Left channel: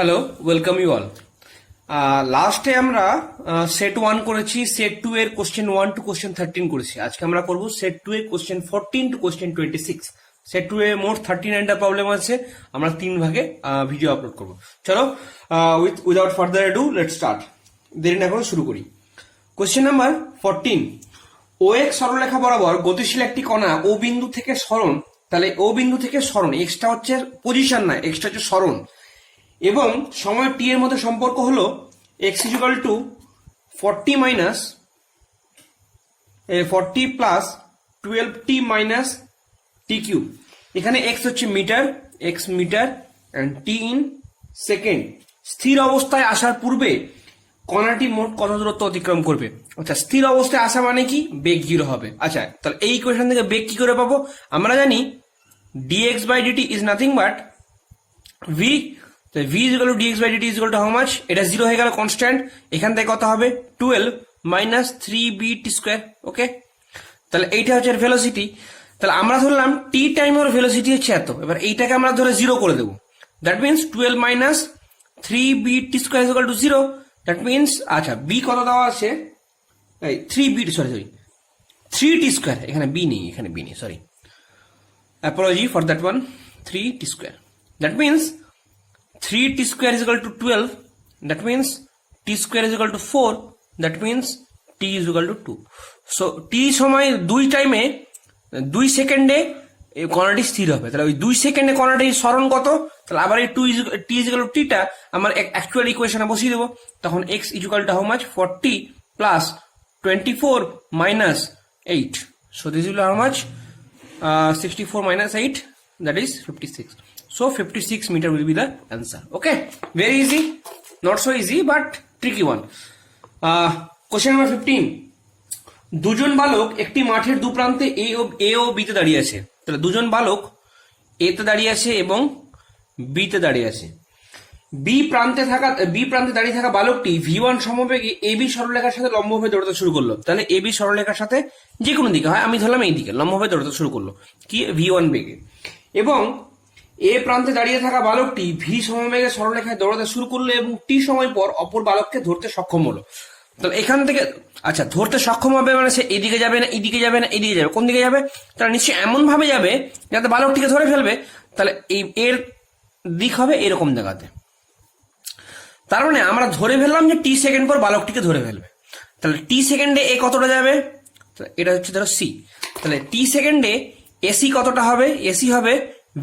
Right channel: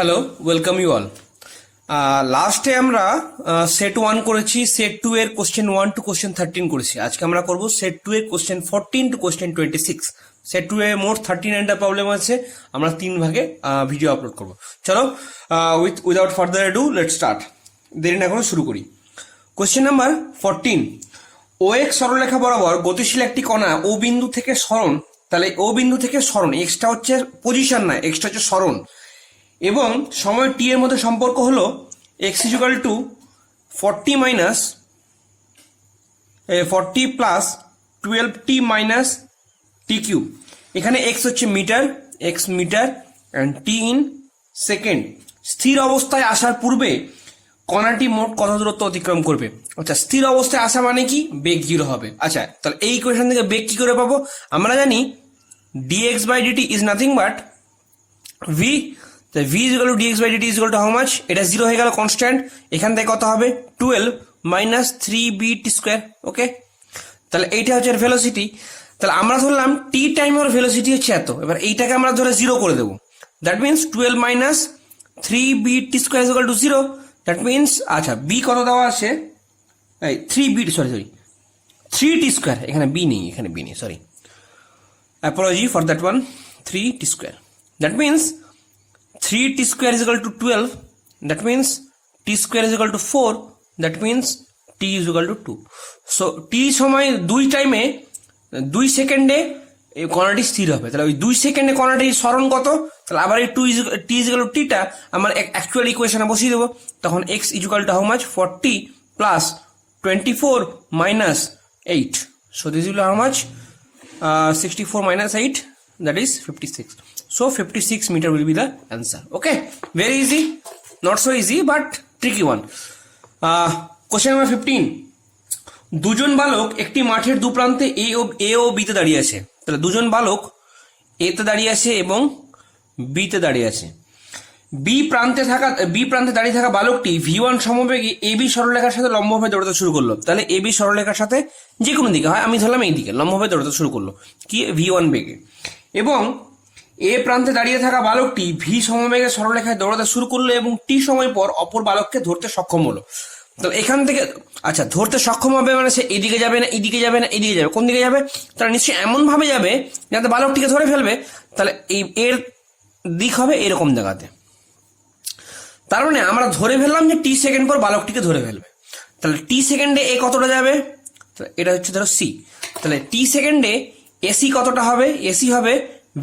Hello, welcome you all. লাস্টে আমরা set 1 করেছি, সেট 2 এর কোশ্চেন 1 টু কোশ্চেন 13 করেছি। আজকে আমরা করব সেট 2 এর কোশ্চেন 14 টু কোশ্চেন 26। সেট 2 এ মোট 39টা প্রবলেম আছে, আমরা 3 ভাগে ভিডিও আপলোড করব। চলো, without further ado let's start. দেরি না করে শুরু করি। কোশ্চেন নাম্বার 14, ও এক্স সরলরেখা বরাবর গতিশীল একটি কণা ও বিন্দু থেকে সরণ, তাহলে ও বিন্দু থেকে সরণ, এক্সটা হচ্ছে পজিশন না, এক্সটা হচ্ছে সরণ, এবং সময় টি এর মধ্যে সম্পর্ক হলো X equal to 40 minus 40 plus 12t minus T cube. এখানে এক্স হচ্ছে metre, X metre and T in second. স্থির অবস্থায় আসার পূর্বে কণাটি মোট কত দূরত্ব অতিক্রম করবে? আচ্ছা, স্থির অবস্থায় আসা মানে কি? বেগ 0 হবে। আচ্ছা, তাহলে এই ইকুয়েশন থেকে বেগ কি করে পাবো? আমরা জানি dx by dt is nothing but v, তো v is equal to dx by dt is equal to how much? এটা 0 হয়ে গেল, কনস্ট্যান্ট। এখান থেকে কত হবে? 12 মাইনাস 3bt স্কোয়ার। ওকে, তাহলে এইটা হচ্ছে ভেলোসিটি। তাহলে আমরা ধরলাম টি টাইম ওর ভেলোসিটি হচ্ছে এত। এবার এইটাকে আমরা ধরে 0 করে দেবো। That means 12 minus 3bt square is equal to 0। That means, আচ্ছা, বি কত দেওয়া আছে? এই 3bt, সরি 3t স্কোয়ার, এখানে বি নেই, এখানে বি নেই, sorry, apology for that one. 3t square, that means 3t square is equal to 12, that means t square is equal to 4, that means t is equal to 2. so t সময় 2 টাইমে 2 সেকেন্ডে এই কণাটি স্থির হবে। তাহলে ওই 2 সেকেন্ডে কণাটির সরণ কত? তাহলে আবার এই t is equal to t টা আমার অ্যাকচুয়াল ইকুয়েশনে বসিয়ে দেবো। তখন x is equal to how much? 40 plus 24 minus 8. so this will how much? 64 minus 8, that is 56. So 56 meter will be the answer. Okay, very easy, not so easy but tricky one. Question number 15, দুজন বালক একটি মাঠের দু প্রান্তে এ ও B তে দাঁড়িয়ে আছে। তাহলে দুজন বালক এ তে দাঁড়িয়ে আছে এবং বি তে দাঁড়িয়ে আছে। বি প্রান্তে দাঁড়িয়ে থাকা বালকটি v1 সমবেগে এবি সরলরেখার সাথে লম্বভাবে দৌড়াতে শুরু করলো। তাহলে এবি সরলরেখার সাথে যে কোনো দিকে হয়, আমি ধরলাম এই দিকে, লম্বভাবে দৌড়াতে শুরু করলো কি v1 বেগে। এবং এ প্রান্তে দাঁড়িয়ে থাকা বালকটি ভি সমবেগে সরলরেখায় দৌড়াতে শুরু করলো এবং টি সময় পর অপর বালককে ধরতে সক্ষম হলো। তাহলে এখান থেকে, আচ্ছা, ধরতে সক্ষম হবে মানে সে এদিকে যাবে না, এদিকে যাবে না, এদিকে যাবে, কোন দিকে যাবে? তাহলে নিশ্চয়ই এমন ভাবে যাবে যাতে বালকটিকে ধরে ফেলবে। তাহলে এর দিক হবে এরকম জায়গাতে। তার মানে আমরা ধরে ফেললাম যে টি সেকেন্ড পর বালকটিকে ধরে ফেলবে। তাহলে টি সেকেন্ডে এ কতটা যাবে? এটা হচ্ছে ধরো সি। তাহলে টি সেকেন্ডে এসি কতটা হবে? এসি হবে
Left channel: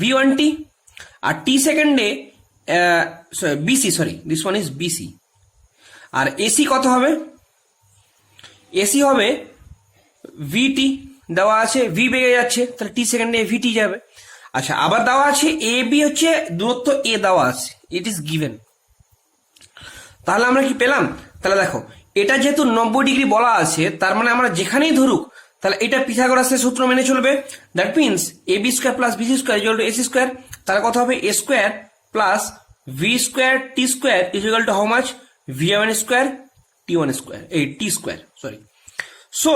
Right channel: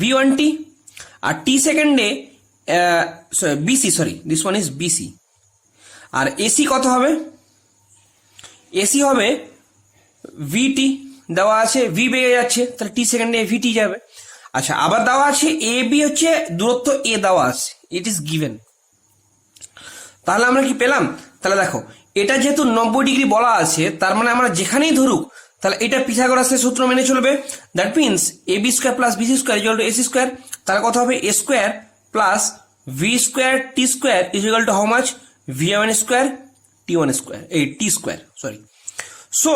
v1t। আর টি সেকেন্ডে BC, sorry, this one is BC. আর এসি কত হবে? এসি হবে ভিটি। দেওয়া আছে ভি বেড়ে যাচ্ছে, তাহলে টি সেকেন্ডে ভিটি যাবে। আচ্ছা, আবার দেওয়া আছে এ বি হচ্ছে দূরত্ব এ দেওয়া আছে, ইট ইজ গিভেন। তাহলে আমরা কি পেলাম? তাহলে দেখো, এটা যেহেতু 90 ডিগ্রি বলা আছে, তার মানে আমরা যেখানেই ধরুক, তাহলে এটা পিথাগোরাসের সূত্র মেনে চলবে। That means A B square plus BC square equal to AC square. তাহলে কত হবে? A square plus V square T square is equal to how much? V one square T one square, এই টি স্কোয়ার, সরি। সো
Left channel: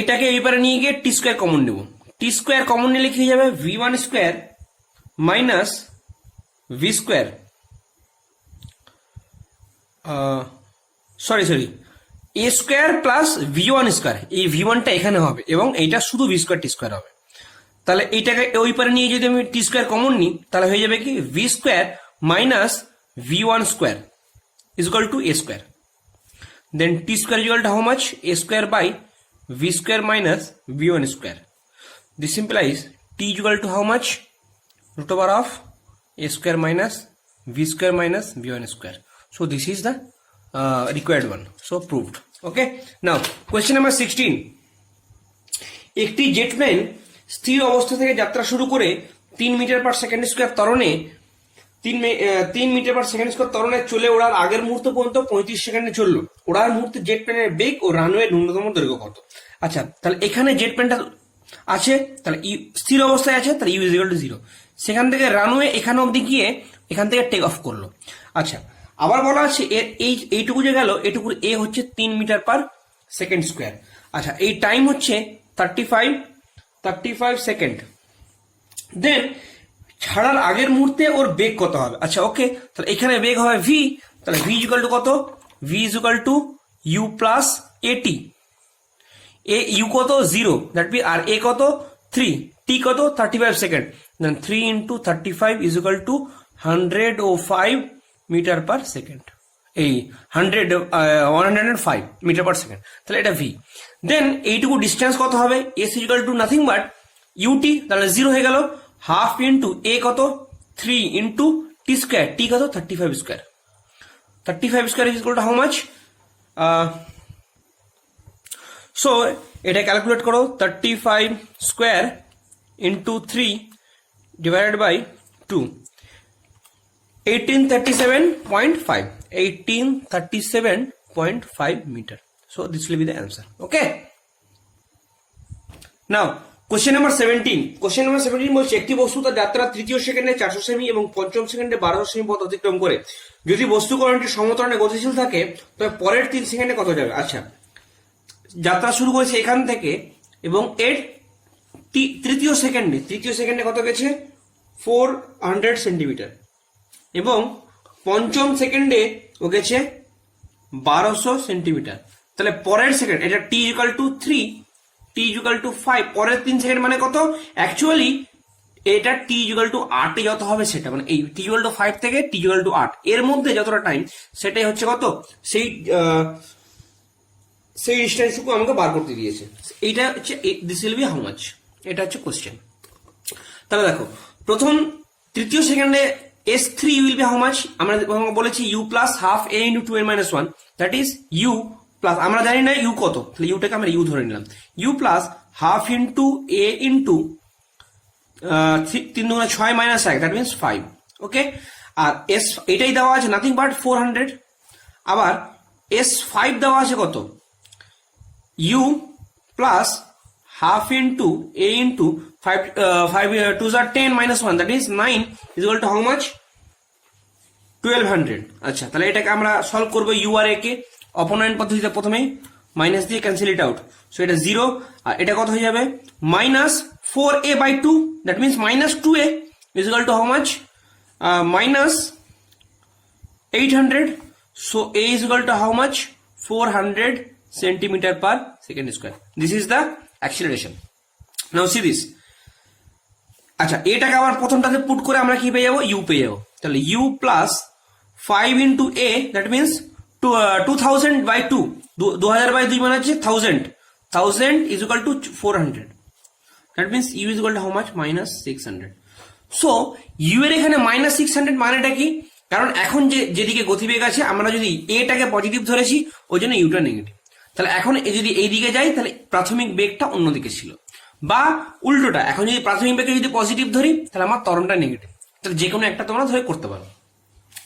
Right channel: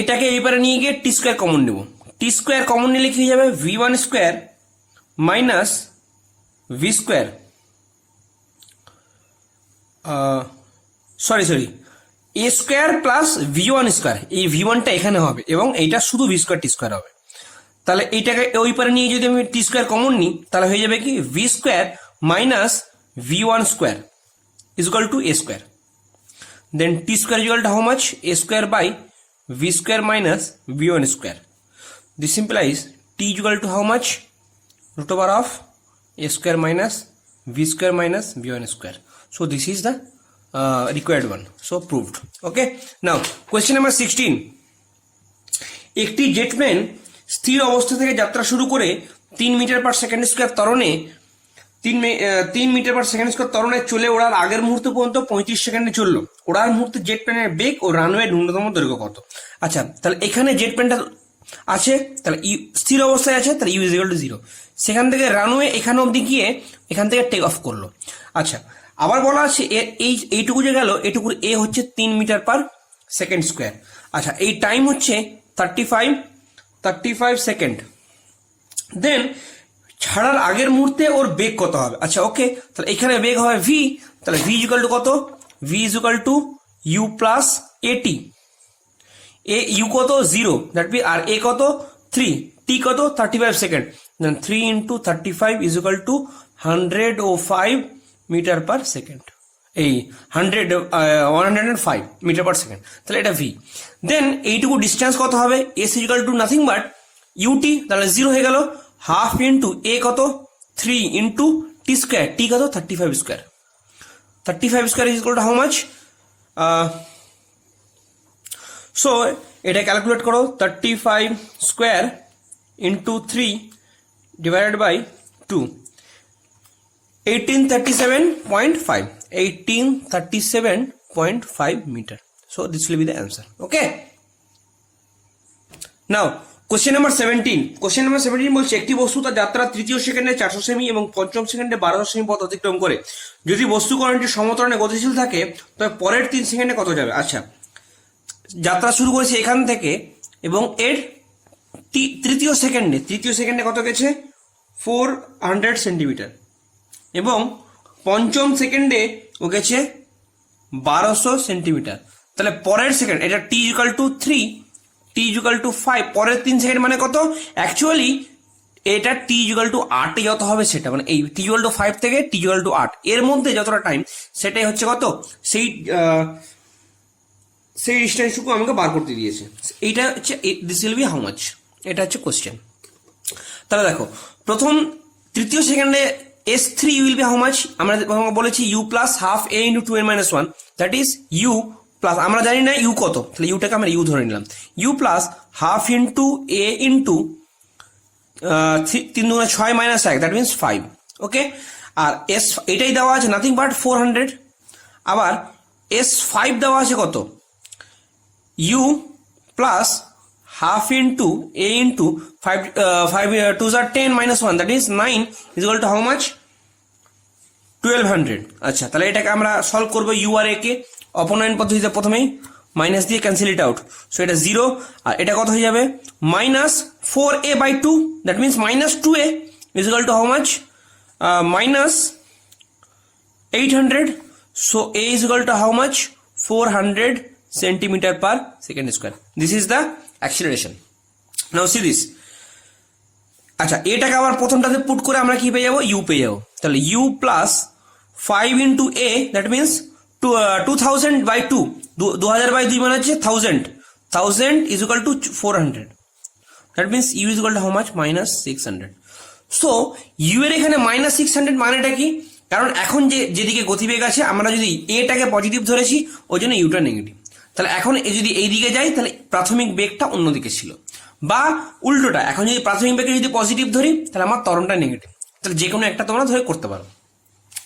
এটাকে এইবারে নিয়ে গিয়ে টি square common নেব। টি square common নিলে কি হয়ে যাবে? V one square minus V square, sorry A square plus V one square, এই ভি ওয়ানটা এখানে হবে এবং এইটা শুধু ভি স্কোয়ার টি স্কোয়ার হবে। তাহলে এইটাকে ওই পারে নিয়ে যদি আমি টি স্কোয়ার কমন নিই, তাহলে হয়ে যাবে কি? V square minus V one square is equal to A square. Then T square is equal to how much? A square by V square minus V one square. This implies T is equal to how much? root over of a square minus v square minus v1 square. So this is the required one. So proved. Okay. Now question number 16. একটি jet plane স্থির অবস্থা থেকে যাত্রা শুরু করে 3 metre per second square ত্বরণে 3 metre per second square ত্বরণে চলে ওড়ার আগের মুহূর্ত পর্যন্ত 35 সেকেন্ডে চললো। ওড়ার মুহূর্তে জেট প্লেনের বেগ ও রানওয়ের ন্যূনতম দৈর্ঘ্য কত? আচ্ছা, তাহলে এখানে জেট প্লেনটা আছে, তাহলে স্থির অবস্থায় আছে, তাহলে ইউ ইজ ইকুয়াল টু 0। সেখান থেকে রানওয়ে এখানে অবধি গিয়ে এখান থেকে টেক অফ করলো। আচ্ছা, আবার বলা আছে এইটুকু যে গেল, এটুকুর এ হচ্ছে 3 মিটার পার সেকেন্ড স্কোয়ার। আচ্ছা, এই টাইম হচ্ছে 35 সেকেন্ড। দেন ছাড়ার আগের মুহূর্তে ওর বেগ কত হবে। আচ্ছা ওকে, তাহলে এখানে বেগ হবে ভি, তাহলে ভি ইজ ইকুয়াল টু কত, V is equal to U plus AT. A you কত 0, দ্যাট বি, আর এ কত 3, টি কত 35 second, then 3 into 35 is equal to 105 metre per second, এই 105 মিটার পার সেকেন্ড, তাহলে এটা ভি। দেন এইটুকু ডিস্টেন্স কত হবে, S is equal to nothing but u t, তাহলে 0 হয়ে গেল, হাফ ইন্টু এ কত 3 ইন্টু টি স্কোয়ার, টি কত 35 square, 35 square is equal to how much, so এটা ক্যালকুলেট করো, 35 square into 3 divided by 2, 1837.5, 1837.5 metre. So this will be the answer. Okay, now question number 17। Question number 17 বলছে একটি বস্তু তার যাত্রা তৃতীয় সেকেন্ডে 400 সেমি এবং পঞ্চম সেকেন্ডে 1200 সেমি পথ অতিক্রম করে। যদি বস্তুকণাটি সমতরণে গতিশীল থাকে তবে পরের 3 সেকেন্ডে কত যাবে। আচ্ছা, যাত্রা শুরু করেছে এখান থেকে এবং এর তৃতীয় সেকেন্ডে কত গেছে 400 সেন্টিমিটার এবং পঞ্চম সেকেন্ডে ও গেছে 1200 সেন্টিমিটার। তাহলে পরের সেকেন্ড, এটা T equal to 3, T equal to 5, পরের 3 সেকেন্ড মানে কত, অ্যাকচুয়ালি এটা টি ইকুয়াল টু 8 যত হবে সেটা, মানে এই টি ইকুয়াল টু 5 থেকে টি ইকুয়াল টু 8 এর মধ্যে যতটা টাইম সেটাই হচ্ছে কত, সেই ডিস্টেন্সটুকু আমাকে বার করতে দিয়েছে। এইটা হচ্ছে this will B how much, এটা হচ্ছে কোশ্চেন। তাহলে দেখো প্রথম তৃতীয় সেকেন্ডে S3 will be how much, আমরা বলেছি U plus half A into 2n - 1, that is U plus, আমরা জানি না ইউ কত, তাহলে ইউটাকে আমরা ইউ ধরে নিলাম, U plus half into A into 3 × 6 - 1, that means 5। Okay, আর এস এটাই দেওয়া আছে নাথিং বাট 400, আবার S5 দেওয়া আছে কত, U plus half into A into 5 2 * 10 - 1, that is 9 is equal to how much 1200। আচ্ছা, তাহলে এটাকে আমরা সলভ করবো ইউ আর এ কে অপনয়ন পদ্ধতিতে, প্রথমেই মাইনাস দিয়ে ক্যান্সেল ইট আউট, সো এটা 0, আর এটা কত হয়ে যাবে -4a/2, that means -2a is equal to how much -800, so a is equal to how much 400 centimeter per second square. This is the acceleration. Now see this. আচ্ছা, এটাকে আবার প্রথমটাতে put করে আমরা কি পেয়ে যাবো, ইউ পেয়ে যাবো। তাহলে U plus 5 into A, that means 2000/2, 2000/2 মানে হচ্ছে 1000 is equal to 400, that means U is equal to how much -600। So U এর এখানে -600 মানেটা কি, কারণ এখন যেদিকে গতিবেগ আছে আমরা যদি এটাকে পজিটিভ ধরেছি ওই জন্য ইউটা নেগেটিভ, তাহলে এখন যদি এই দিকে যাই তাহলে প্রাথমিক বেগটা অন্যদিকে ছিল, বা উল্টোটা, এখন যদি প্রাথমিক বেগকে যদি পজিটিভ ধরি তাহলে আমার ত্বরণটা নেগেটিভ, তাহলে যে কোনো একটা তোমরা ধরে করতে পারো।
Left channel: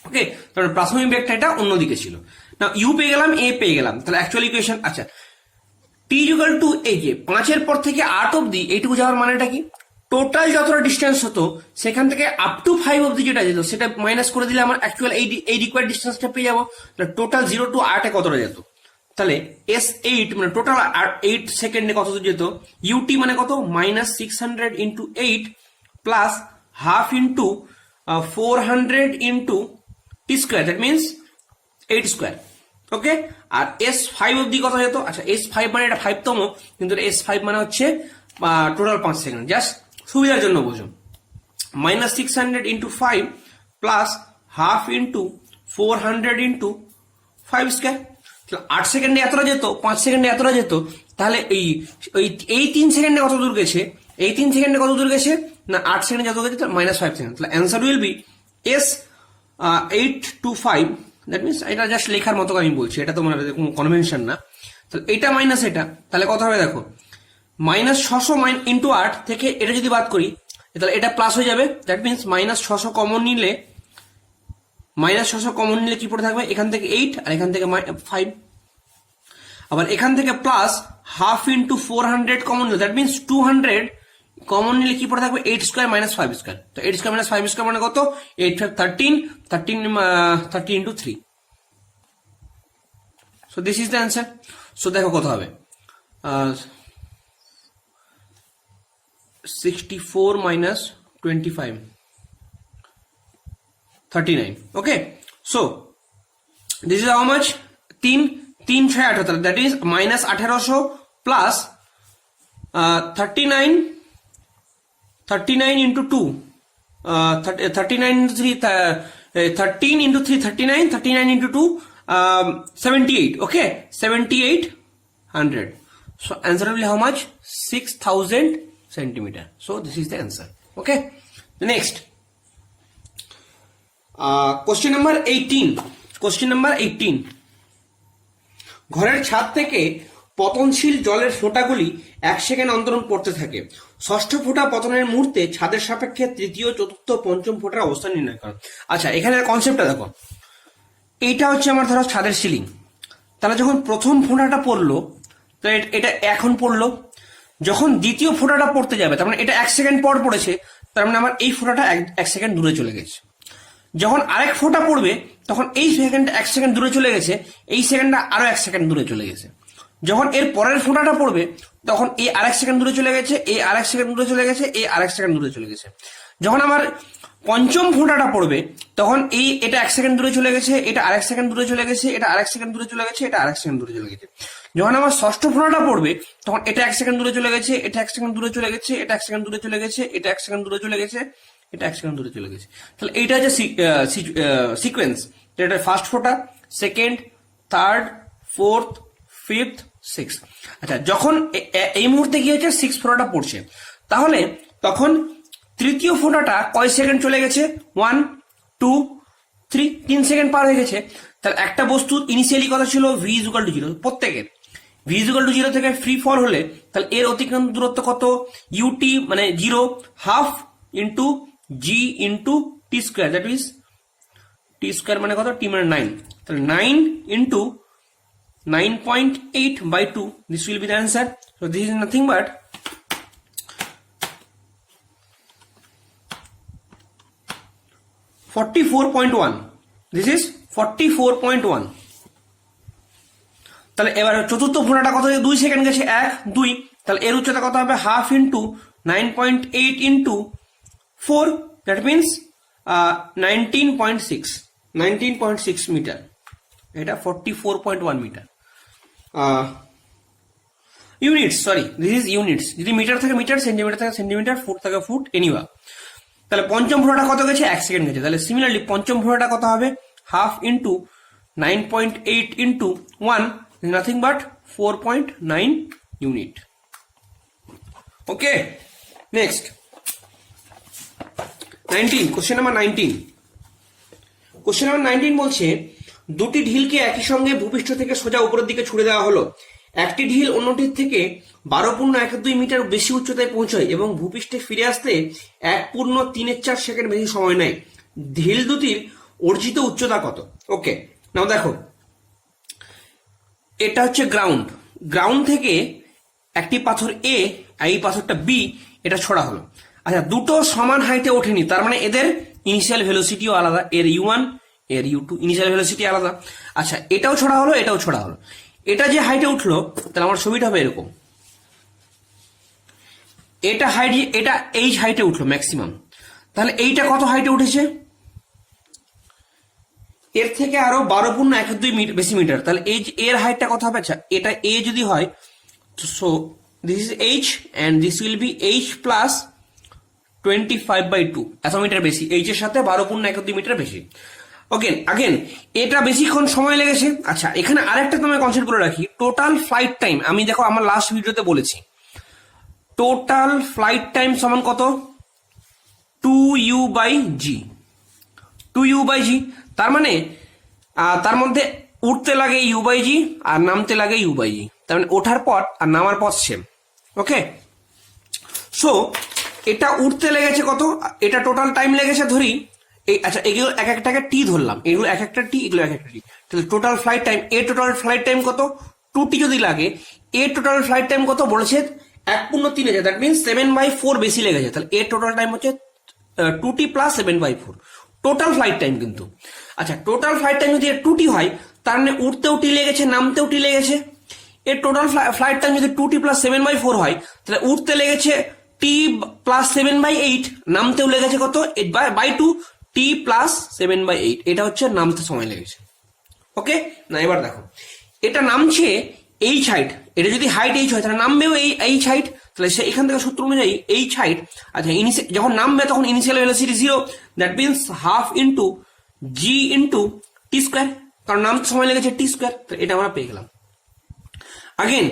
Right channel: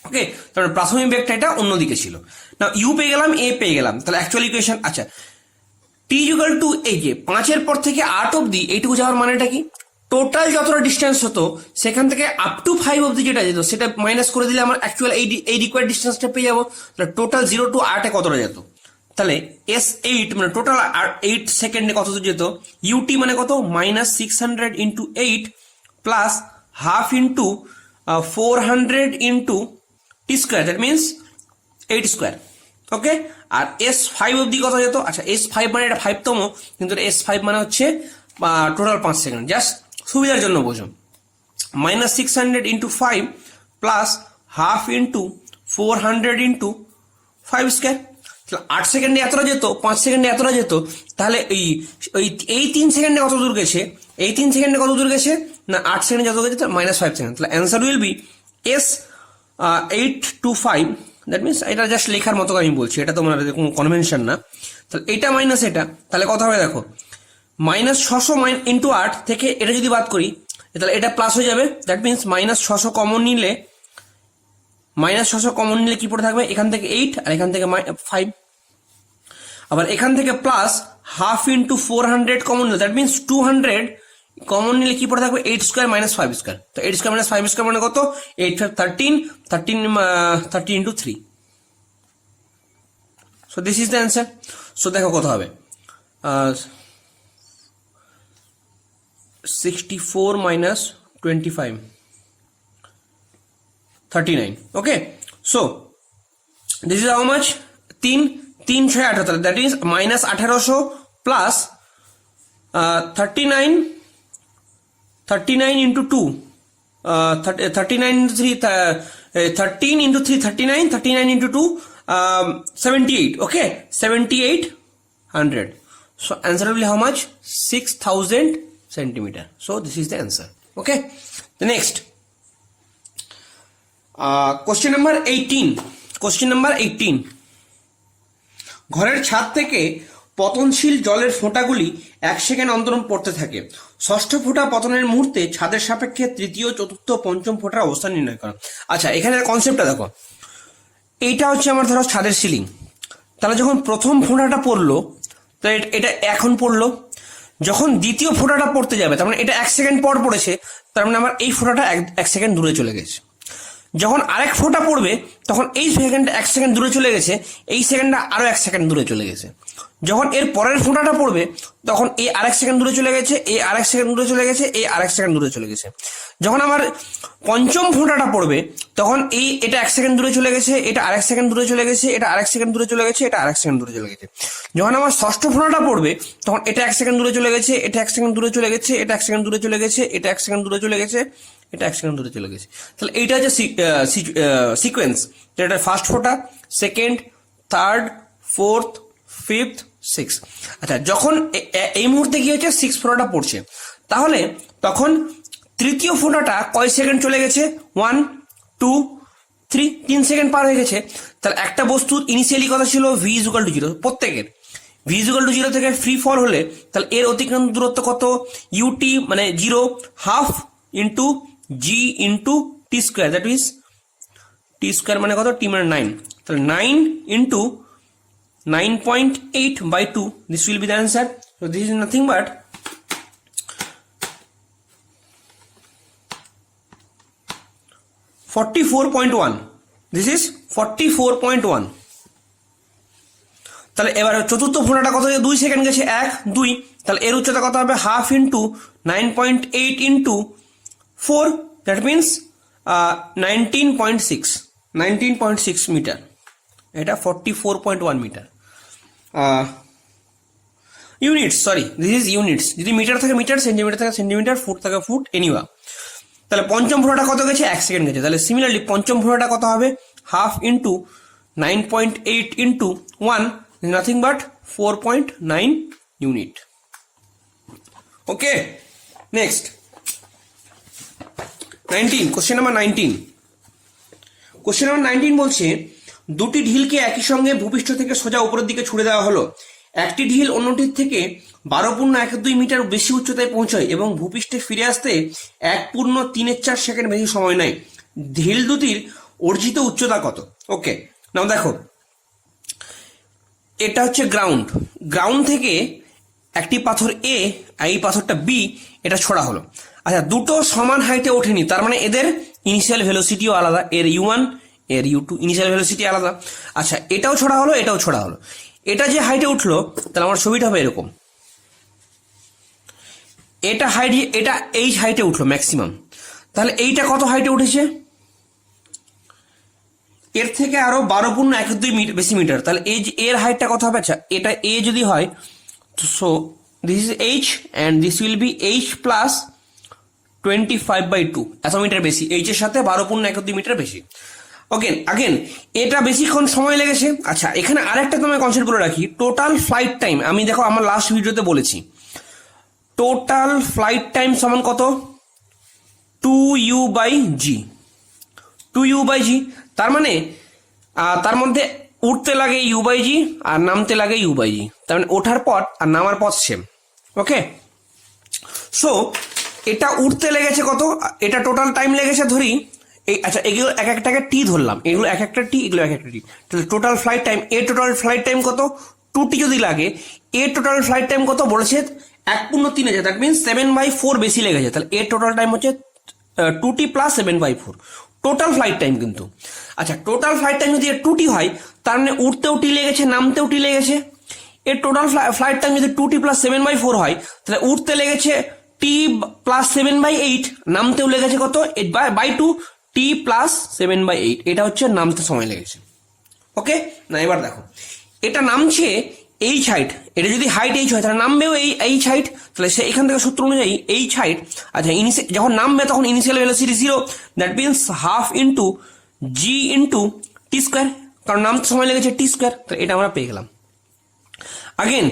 ওকে, তাহলে প্রাথমিক বেগটা এটা অন্যদিকে ছিল না, ইউ পেয়ে গেলাম, এ পেয়ে গেলাম, তাহলে অ্যাকচুয়াল ইকুয়েশন। আচ্ছা, টি ইকুয়াল টু এই যে 5 পর থেকে 8 অব্দি এইটুকু যাওয়ার মানেটা কি, টোটাল যতটা ডিস্টেন্স হতো সেখান থেকে আপ টু 5 অব্দি যেটা যেত সেটা মাইনাস করে দিলে আমার অ্যাকচুয়াল এই রিকোয়ার্ড ডিস্টেন্সটা পেয়ে যাবো। তাহলে টোটাল 0 to 8 কতটা যেত, তাহলে S8 মানে টোটাল 8 সেকেন্ডে কত দূর যেত, ইউটি মানে কত -600 into 8 plus half into 400 into T square, that means 8 square. Okay, আর S5 অব্দি কত যেত, আচ্ছা S5 মানে এটা 5তম, কিন্তু S5 মানে হচ্ছে টোটাল 5 সেকেন্ড, জাস্ট সুবিধার জন্য বোঝো, -600 into 5 plus half into 400 into 5 square. 8 সেকেন্ডে এতটা যেত, 5 সেকেন্ডে এতটা যেত, তাহলে এই 3 সেকেন্ডে কত দূর গেছে, এই 3 সেকেন্ডে কত দূর গেছে না 8 সেকেন্ডে যত গেছে -5 সেকেন্ড। তাহলে answer will be S8 to 5, that means এটা জাস্ট লেখার মতো আমি বলছি, এটা তোমার কোনো কনভেনশন না। তাহলে এটা মাইনাস এটা, তাহলে কত হবে দেখো, -600 ইন্টু 8 থেকে এটা যদি বাদ করি তাহলে এটা প্লাস হয়ে যাবে, দ্যাট মিনস -600 কমন নিলে কি পড়ে থাকবে, এখান থেকে 8 আর এখান থেকে 5, আবার এখান থেকে প্লাস হাফ ইন্টু 400 কমন নিলে, দ্যাট মিনস 200 কমন নিলে কি পড়ে থাকবে 8 স্কোয়ার - 5 স্কোয়ার। তো 8 স্কোয়ার - 5 স্কোয়ার মানে কত, 8 5 13 into 3। So this is the answer. So দেখো কত হবে, 64 - 25, 39. Okay, so this is how much? 3 3 6 18, that is minus 1800 plus 39 into 2, 39 into 3, 13 into 3 39, 39 into 2 78. Okay, 7800. So answer will be how much? 6000 centimeter. So this is the answer. Okay, the next question number 18. Question number 18. ঘরের ছাদ থেকে পতনশীল জলের ফোঁটাগুলি 1 second অন্তর পড়তে থাকে। ষষ্ঠ ফোঁটা পতনের মুহূর্তে ছাদের সাপেক্ষে তৃতীয়, চতুর্থ, পঞ্চম ফোঁটার অবস্থান নির্ণয় করো। আচ্ছা, এখানে কনসেপ্টটা দেখো। এইটা হচ্ছে আমার ধরো ছাদের সিলিং। তাহলে যখন প্রথম ফোঁটাটা পড়লো, তো এটা এখন পড়লো। যখন দ্বিতীয় ফোঁটাটা পড়তে যাবে, তার মানে এটা 1 সেকেন্ড পর পড়েছে, তার মানে আমার এই ফোঁটাটা 1 সেকেন্ড দূরে চলে গেছে। যখন আরেক ফোঁটা পড়বে, তখন এই সেকেন্ড 1 সেকেন্ড দূরে চলে গেছে, এই সেকেন্ডটা আরো 1 সেকেন্ড দূরে চলে গেছে। যখন এর পরের ফোঁটাটা পড়বে, তখন এই আরেক সেকেন্ড দূরে চলে গেছে, এই আরেক সেকেন্ড দূরে চলে গেছে, এই আরেক সেকেন্ড দূরে চলে গেছে। যখন আমার পঞ্চম ফোঁটাটা পড়বে, তখন এটা 1 সেকেন্ড দূরে চলে গেছে, এটা আরেক সেকেন্ড দূরে চলে গেছে, এটা আরেক সেকেন্ড দূরে চলে গেছে, এটা আরেক সেকেন্ড দূরে চলে গেছে। যখন আমার ষষ্ঠ ফোঁটাটা পড়বে, তখন এটা 1 সেকেন্ড দূরে চলে গেছে, এটা 1 সেকেন্ড দূরে চলে গেছে, এটা 1 সেকেন্ড দূরে চলে গেছে, এটা 1 সেকেন্ড দূরে চলে গেছে, এটা 1 সেকেন্ড দূরে চলে গেছে। তাহলে এইটা হচ্ছে সিকোয়েন্স, যেটা ফার্স্ট ফোঁটা, second, third, fourth, fifth, six. আচ্ছা, যখন এই মুহূর্তে কি হচ্ছে, 6 ফোঁটাটা পড়ছে, তাহলে তখন তৃতীয় ফোঁটাটা কয় সেকেন্ড চলে গেছে? 1 2 3, 3 সেকেন্ড পার হয়ে গেছে। তাহলে একটা বস্তুর ইনিশিয়ালি কথা ছিল v = 0, প্রত্যেকের v = 0 থেকে ফ্রি ফল হলে, তাহলে এর অতিক্রান্ত দূরত্ব কত? ut মানে 0 half into g into T square, that is T square মানে কত? t মানে 9। তাহলে 9 into 9.8/2, this will be the answer. So this is nothing but 44.1. This is 44.1. তাহলে এবার চতুর্থ ফোঁটাটা কত? 2 সেকেন্ড গেছে, 1 2, তাহলে এর উচ্চতা কত হবে? Half into 9.8 into 4, that means 19.6 metre. এটা 44.1 metre. Units, sorry, this is units. যদি মিটার থাকে মিটার, সেন্টিমিটার থাকে সেন্টিমিটার, ফুট থাকে ফুট, এনিওয়া। তাহলে পঞ্চম ফোঁটাটা কত গেছে? 1 সেকেন্ড গেছে। তাহলে সিমিলারলি পঞ্চম ফোঁটাটা কত হবে? Half into 9.8 into 1, nothing but 4.9 unit. Okay, next 19, question number 19। Question number 19 বলছে, দুটি ঢিলকে একই সঙ্গে ভূপৃষ্ঠ থেকে সোজা উপরের দিকে ছুড়ে দেওয়া হলো। একটি ঢিল অন্যটির থেকে 12.12 মিটার বেশি উচ্চতায় পৌঁছায় এবং ভূপৃষ্ঠে ফিরে আসতে 1.34 সেকেন্ড বেশি সময় নেয়। ঢিল দুটির অর্জিত উচ্চতা কত? ওকে, নাও দেখো, এটা হচ্ছে গ্রাউন্ড। গ্রাউন্ড থেকে একটি পাথর এ আর এই পাথরটা বি, এটা ছোড়া হলো। আচ্ছা, দুটো সমান হাইটে ওঠেনি, তার মানে এদের ইনিশিয়াল ভেলোসিটিও আলাদা। এর u1 এর u2 ইনিশিয়াল ভেলোসিটি আলাদা। আচ্ছা, এটাও ছোড়া হলো, এটাও ছোড়া হলো। এটা যে হাইটে উঠলো, তাহলে আমার ছবিটা হবে এরকম। এটা হাইট, এটা এই হাইটে উঠলো ম্যাক্সিমাম। তাহলে এইটা কত হাইটে উঠেছে? এর থেকে আরো 12.12 বেশি মিটার। তাহলে এই এর হাইটটা কত হবে? আচ্ছা, এটা এ যদি হয়, so this is H and this will B H plus 25/2, এত মিটার বেশি। এইচ এর সাথে 12.12 মিটার বেশি। ওকে, আগেন এটা বেশিক্ষণ সময় লেগেছে। আচ্ছা, এখানে আরেকটা তোমায় কনসেপ্ট করে রাখি, টোটাল ফ্লাইট টাইম। আমি দেখো আমার লাস্ট ভিডিওতে বলেছি, টোটাল ফ্লাইট টাইম সমান কত? 2u/g। 2u/g, তার মানে তার মধ্যে উঠতে লাগে u/g আর নামতে লাগে u/g, তার মানে ওঠার পথ আর নামার পথ সেম। ওকে, সো এটা উঠতে লেগেছে কত? এটা টোটাল টাইম লেগেছে ধরি, আচ্ছা এগুলো এক একটাকে টি ধরলাম, এগুলো এক একটা টি, এগুলো এক একটা টি। তাহলে টোটাল ফ্লাইট টাইম, এ টোটাল ফ্লাইট টাইম কত? 2t যদি লাগে, এ টোটাল ফ্লাইট টাইম কত বলেছে? 1.3 আছে, দ্যাট মিনস 7/4 বেশি লেগেছে। তাহলে এর টোটাল টাইম হচ্ছে 2t plus 7/4 total flight time কিন্তু। আচ্ছা, টোটাল ফ্লাইট টাইম যদি 2t হয়, তার মানে উঠতেও টি লেগেছে, নামতেও টি লেগেছে। এর টোটাল ফ্লাইট টাইম যদি 2t প্লাস 7/4 হয়, তাহলে উঠতে লেগেছে t প্লাস 7/8, নামতেও লেগেছে কত? বাই 2, t টি প্লাস 7/8, এটা হচ্ছে নামতে সময় লেগেছে। ওকে না, এবার দেখো এটা নামছে এইচ হাইট, এটা যদি হাইট এইচ হয় তাহলে নামবেও এইচ হাইট, তাহলে সে এখান থেকে সূত্র অনুযায়ী এইচ হাইট, আচ্ছা যখন নামবে তখন initial velocity 0, that means half into G into T square, কারণ নামতে সময় লেগেছে টি স্কোয়ার, এটা আমরা পেয়ে গেলাম। আগেন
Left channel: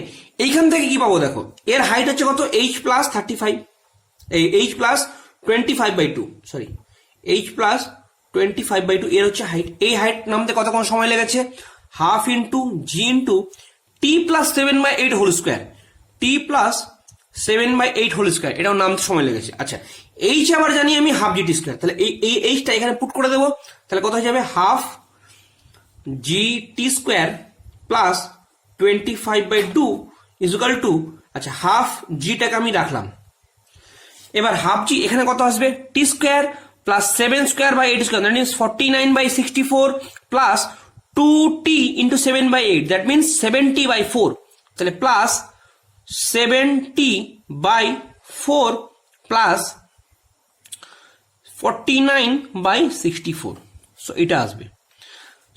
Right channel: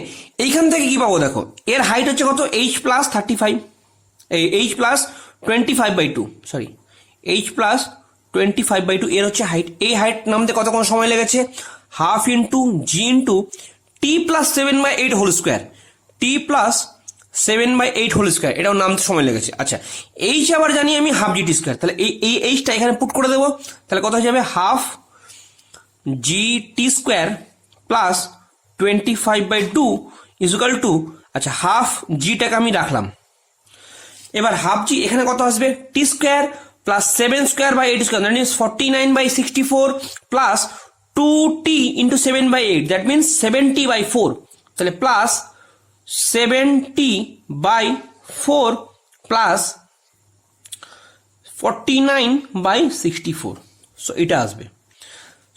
এইখান থেকে কি পাবো দেখো, এর হাইট হচ্ছে কত, এইচ প্লাস 35, এই H plus 25/2, sorry H plus 25/2 এর হচ্ছে হাইট। এই হাইট নামতে কতক্ষণ সময় লেগেছে, half into G into T plus 7/8 whole square, টি প্লাস 7/8 হোল স্কোয়ার, এটাও নামতে সময় লেগেছে। আচ্ছা এইচ আবার জানি আমি হাফ জি টি স্কোয়ার, তাহলে এই এইচটা এখানে পুট করে দেবো, তাহলে কত হয়ে যাবে, half g t square plus 25/2 is equal to, আচ্ছা হাফ জিটাকে আমি রাখলাম, এবার হাফ জি এখানে কত আসবে, t square plus 7/8 square, that means 49/64 plus 2t into 7/8, that means 70/4, তাহলে প্লাস 70/4 প্লাস 49/64, সো এটা আসবে।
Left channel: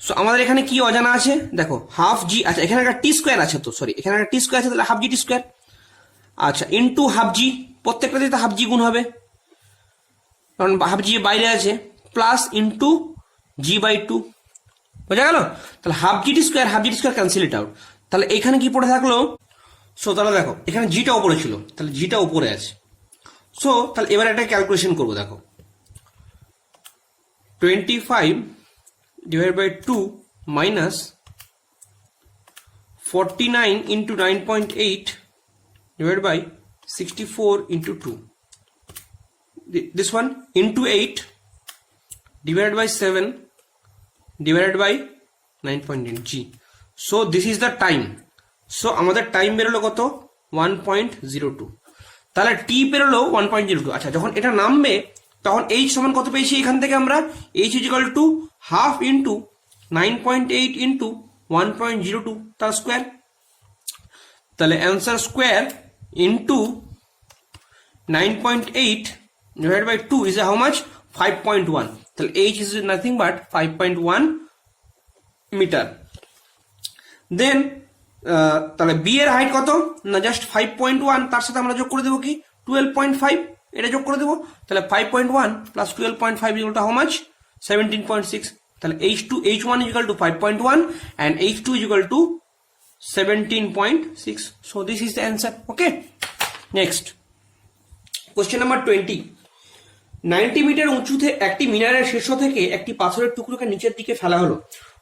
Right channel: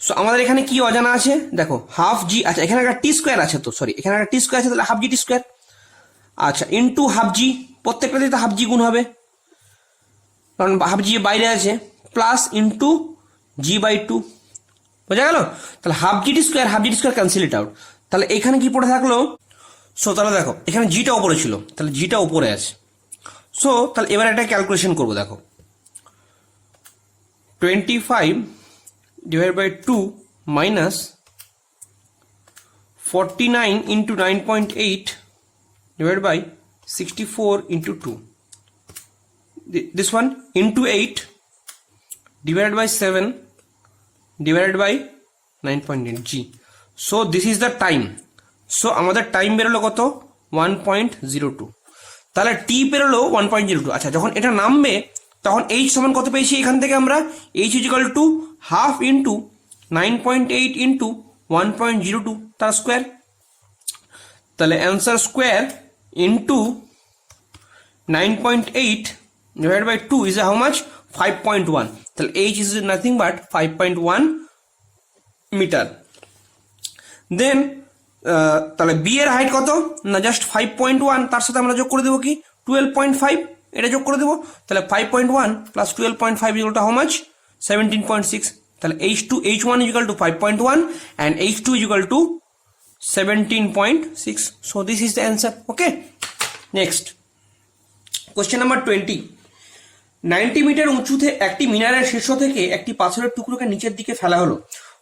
সো আমাদের এখানে কি অজানা আছে দেখো, হাফ জি, আচ্ছা এখানে একটা টি স্কোয়ার আছে, তো সরি এখানে একটা টি স্কোয়ার আছে, তাহলে হাফ জি টি স্কোয়ার, আচ্ছা ইন্টু হাফ জি, প্রত্যেকটা দিয়ে হাফ জি গুণ হবে কারণ হাফ জি বাইরে আছে, প্লাস ইন্টু g/2, বোঝা গেল? তাহলে half g t square cancel it out, তাহলে এখানে কি পড়ে থাকলো, সো তাহলে দেখো এখানে জিটা উপরে ছিল, তাহলে জিটা উপরে আছে। সো তাহলে এবার একটা ক্যালকুলেশন করবো, দেখো 25/2 minus 49 into 9.8 divided by 64 into 2. This one into 8 divided by 7 divided by 9.8 g. So this is the time. So আমাদের টাইম বেরোলো কত, 1.02, তাহলে টি বেরোলো 1.02। আচ্ছা যখন এটা নামবে তখন এইচ সমান কত পেয়েছি, এখান থেকে আমরা h is equal to half into 9.8 into 1.02 তার স্কোয়ার, তাহলে answer square into 9.8 divided by 2 is how much, 5.1, তাহলে H is nothing but 5.1 metre. Then তাহলে বি এর হাইট কত না, জাস্ট 5.1, তার সাথে আমরা যোগ করে দেবো কি 12.5, এটা যোগ করে দেবো, তাহলে 5.1 plus 12.5 equal to how much, 17.6, তাহলে H1 equal to 5.1 and H2 equal to 17.6, so this is the answer. Okay, next question number 20, 90 metre উঁচুতে একটি মিনারের শীর্ষ থেকে একটি পাথরের টুকরোকে নিচের দিকে ফেলা হলো,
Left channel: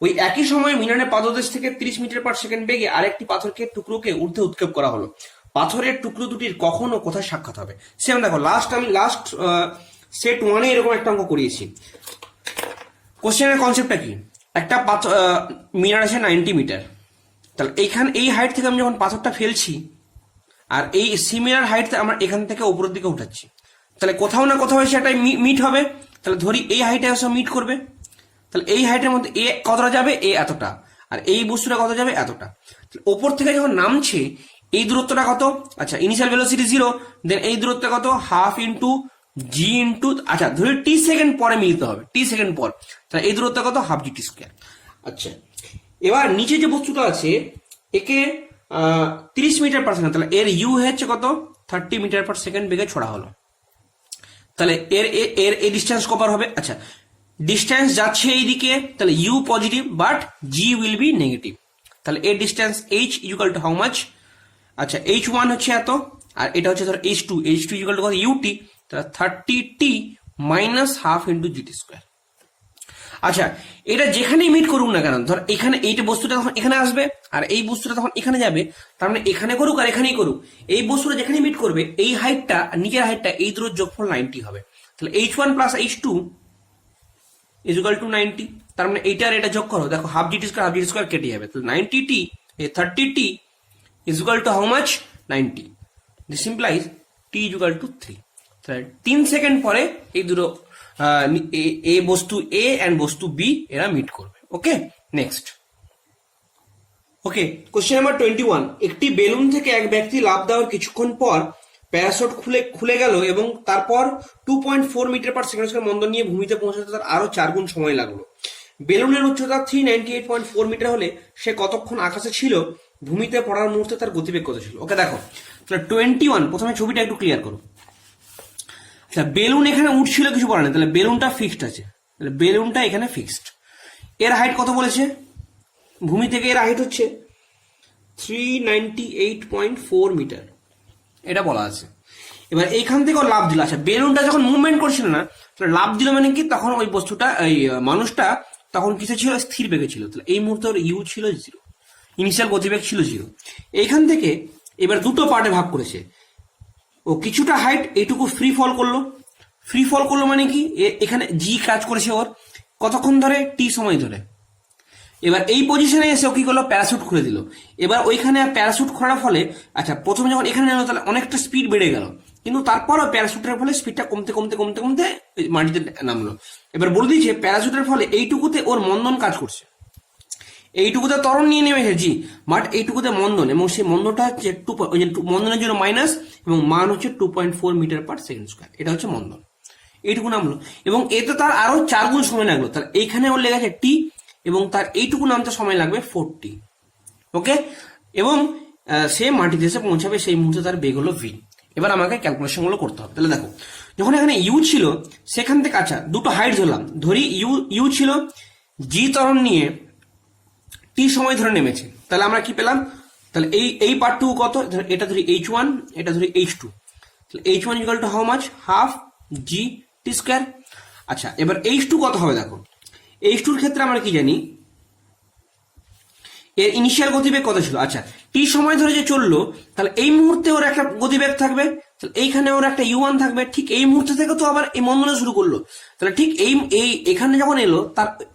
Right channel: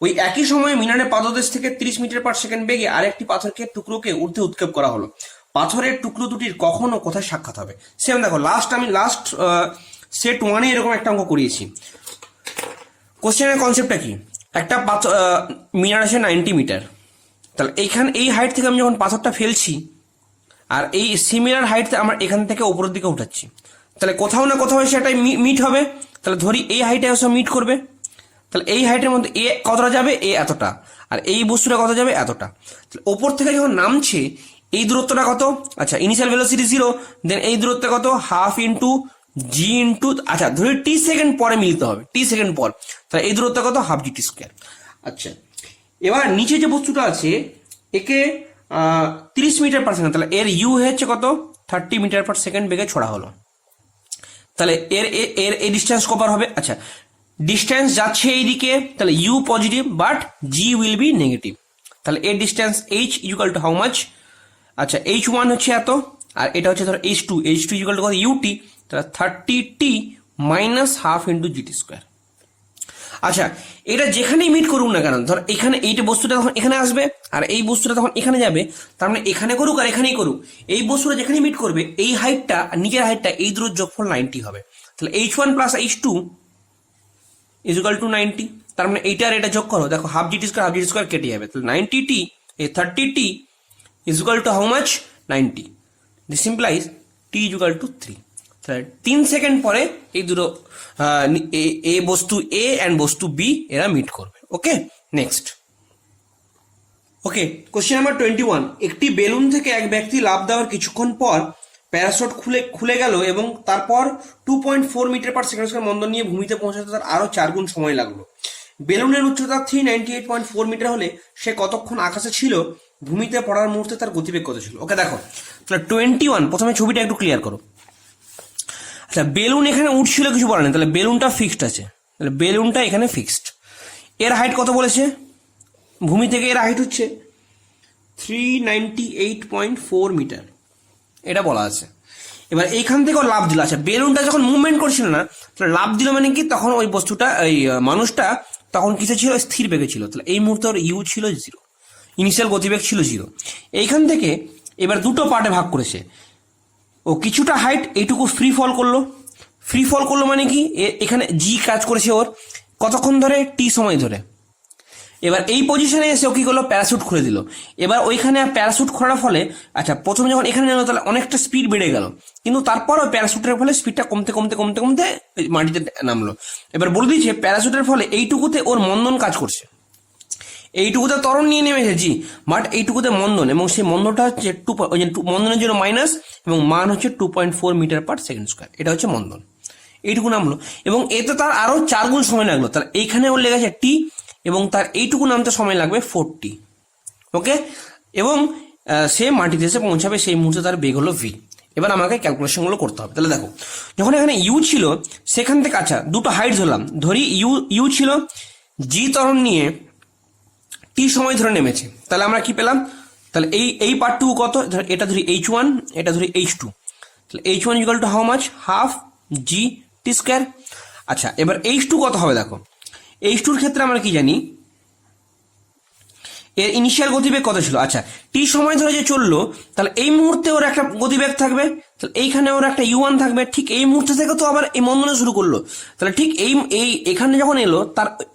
ওই একই সময়ে মিনারের পাদদেশ থেকে 30 মিটার পার সেকেন্ড বেগে আরেকটি পাথরকে টুকরোকে ঊর্ধ্বে উৎক্ষেপ করা হলো, পাথরের টুকরো দুটির কখন ও কোথায় সাক্ষাৎ হবে। সেম দেখো আমি লাস্ট সেট 1-এ এরকম একটা অঙ্ক করিয়েছি। কোশ্চেনের কনসেপ্টটা কি, একটা মিনার আছে 90 মিটার, তাহলে এইখান এই হাইট থেকে আমি যখন পাথরটা ফেলছি আর এই সিমিলার হাইট আমরা এখান থেকে উপরের দিকে উঠাচ্ছি, তাহলে কোথাও না কোথাও এসে একটা মিট হবে, তাহলে ধরি এই হাইটে এসে মিট করবে, তাহলে এই হাইটের মধ্যে এ কতটা যাবে, এ এতটা, আর এই বস্তুটা কত যাবে, এতটা। ওপর থেকে যখন নামছে এই দূরত্বটা কত, আচ্ছা ইনিশিয়াল ভেলোসিটি 0, দেন এই দূরত্ব কত, হাফ ইন্টু জি ইন্টু, আচ্ছা ধরি টি সেকেন্ড পরে মিলতে হবে, টি সেকেন্ড পর, তাহলে এই দূরত্ব কত, হাফ জি টি স্কোয়ার। আচ্ছা এবার নিচে যে বস্তুটা আছে একে 30 মিটার পার সেকেন্ড, তাহলে এর ইউ হচ্ছে কত, 30 মিটার পার সেকেন্ড বেগে ছোড়া হলো, তাহলে এর এর এই ডিস্টেন্স কভার হবে। আচ্ছা ডিস্টেন্স যাচ্ছে এইদিকে, তাহলে U positive but G will be negative, তাহলে এর distance H equal to how much, আচ্ছা H1 হচ্ছে এত, আর এটা হচ্ছে ধর H2 ইকুয়াল টু কত, ইউটি, তাহলে 30t minus half into GT square. আচ্ছা এটা যেখানেই মিট করুক না কেন, ধর এখানে এইটা বস্তুটা তখন এখানে আসবে আর এই বস্তুটা তখন এখানে যাবে, তার মানে এখানে করুক আর এখানেই করুক, এই বস্তুটা যেখানে মিট করবে এই হাইটটা আর নিচের হাইটটা এই দূরের যোগফল 90 হবে, তাহলে H1 plus H2 is equal two 90, তার মানে এইটার এটা যোগ করো, দেখো হাফ জিটি স্কোয়ার কেটে যাবে, তাহলে 90t এই 30t is equal to how much, 90, this implies t is equal to 3, তাহলে 3 সেকেন্ড পরে এই দুটো এ বস্তু এ এন্ড বস্তু বি এরা মিট করবে। Okay next, okay question number 21, একটি বেলুন থেকে এক ব্যক্তি লাফ দেওয়ার কিছুক্ষণ পর প্যারাশুট খুলে গেল এবং তারপর 2.4 মিটার পার সেকেন্ড স্কয়ার মন্দন নিয়ে ভূমিতে পৌঁছাতে তার আরো 4 গুণ সময় লাগলো। বেলুনের উচ্চতা 398.4 মিটার হলে সে কতক্ষণ আকাশে ছিল, ভূমিতে পড়ার মুহূর্তে তার গতিবেগ কত ছিল। ওকে দেখো, তাহলে 21, প্রথমে ছবিটা একটু ক্লিয়ার করো। আচ্ছা, বেলুন এখানে উঠছিল কিছু বলা নেই, তাহলে বেলুনটা ফিক্সড আছে, তাহলে বেলুনটা এখানে ফিক্সড। এর হাইট কত বলেছে, ভূমি থেকে এর হাইট হচ্ছে 398.4 মিটার, এটা বলা আছে। এবার এইখান থেকে লাভ দিল। আচ্ছা, বেলুনটা যখন মুভমেন্ট করছিল না, লাভ দিল মানে কি, তখন ওই বস্তুটা, এই মানুষটা তখন কিসে ছিল, স্থির বেগে ছিল। তাহলে এই মুহূর্তে ওর ইউ ছিল 0, ইনিশিয়াল গতিবেগ ছিল 0। এইখান থেকে এবার দুটো পার্টে ভাগ করেছে, ও কিছুটা হাইট এইটুকু ফ্রি ফল করলো। ফ্রি ফল করলো মানে কি, এখানে জি কাজ করেছে ওর কতক্ষণ ধরে, টি সময় ধরে। এবার এই পজিশনে এসে ও কি করলো, প্যারাশুট খুলে দিল। এবার ওইখানে প্যারাশুট খোলার ফলে, আচ্ছা প্রথমে যখন এখানে এলো তাহলে অনেকটা স্পিড বেড়ে গেল, কিন্তু তারপরও প্যারাশুটের ফলে স্পিডটা কমতে কমতে কমতে কমতে মাটিতে নামলো। এবার বলে দিয়েছে প্যারাশুটের ফলে এইটুকুতে ওর মন্দন কাজ করছে, এইটুকুতে ত্বরণ নিয়ে নেমেছে জি, বাট এইটুকুতে মন্দন, এবং সেই মন্দনটা হচ্ছে মন্দনের জন্য মাইনাস, এবং মান হচ্ছে 2.4 মিটার পার সেকেন্ড স্কয়ার, এটা হচ্ছে মন্দন। এইটুকু নামলো এবং এতে তার আরো 4 গুণ সময় লাগলো। তার এইখানে ওর লেগেছে টি, এবং তার এইটুকু নামতে সময় লাগবে 40। ওকে, এবং সে মাটিতে এসে পৌঁছাবে, সেই মুহূর্তে তার বেগ হলো ভি। এবার আমাকে ক্যালকুলেশনগুলো করতে হবে। তাহলে দেখো, যখন এখানে ইউ ছিল সেখান থেকে, আচ্ছা দুটো হাইট ধরলাম, ধরি ইউ ছিল, জি ত্বরণ নিয়ে টি সময় ধরে নেমেছে, তাহলে আমরা কি পেলাম, তাহলে এই পার্টটুকু কত, এটা ধরি h1, এটা ধরি h2, তাহলে h1 equal to how much, half g T square. আচ্ছা, এবার h2 কত হবে, দেখো h2 এর ক্ষেত্রে আমরা কি জানি, এর ইনিশিয়াল গতিবেগ কত ছিল। আচ্ছা, টি সময় ধরে যে চললো, তাহলে এই মুহূর্তে ওর একটা গতিবেগ থাকবে, তাহলে এইখানে ওর একটা u1 থাকবে। ঠিক এই মুহূর্তে থেকে তো আবার এই মন্দন শুরু করলো, তাহলে ঠিক এই এখানে যখন এলো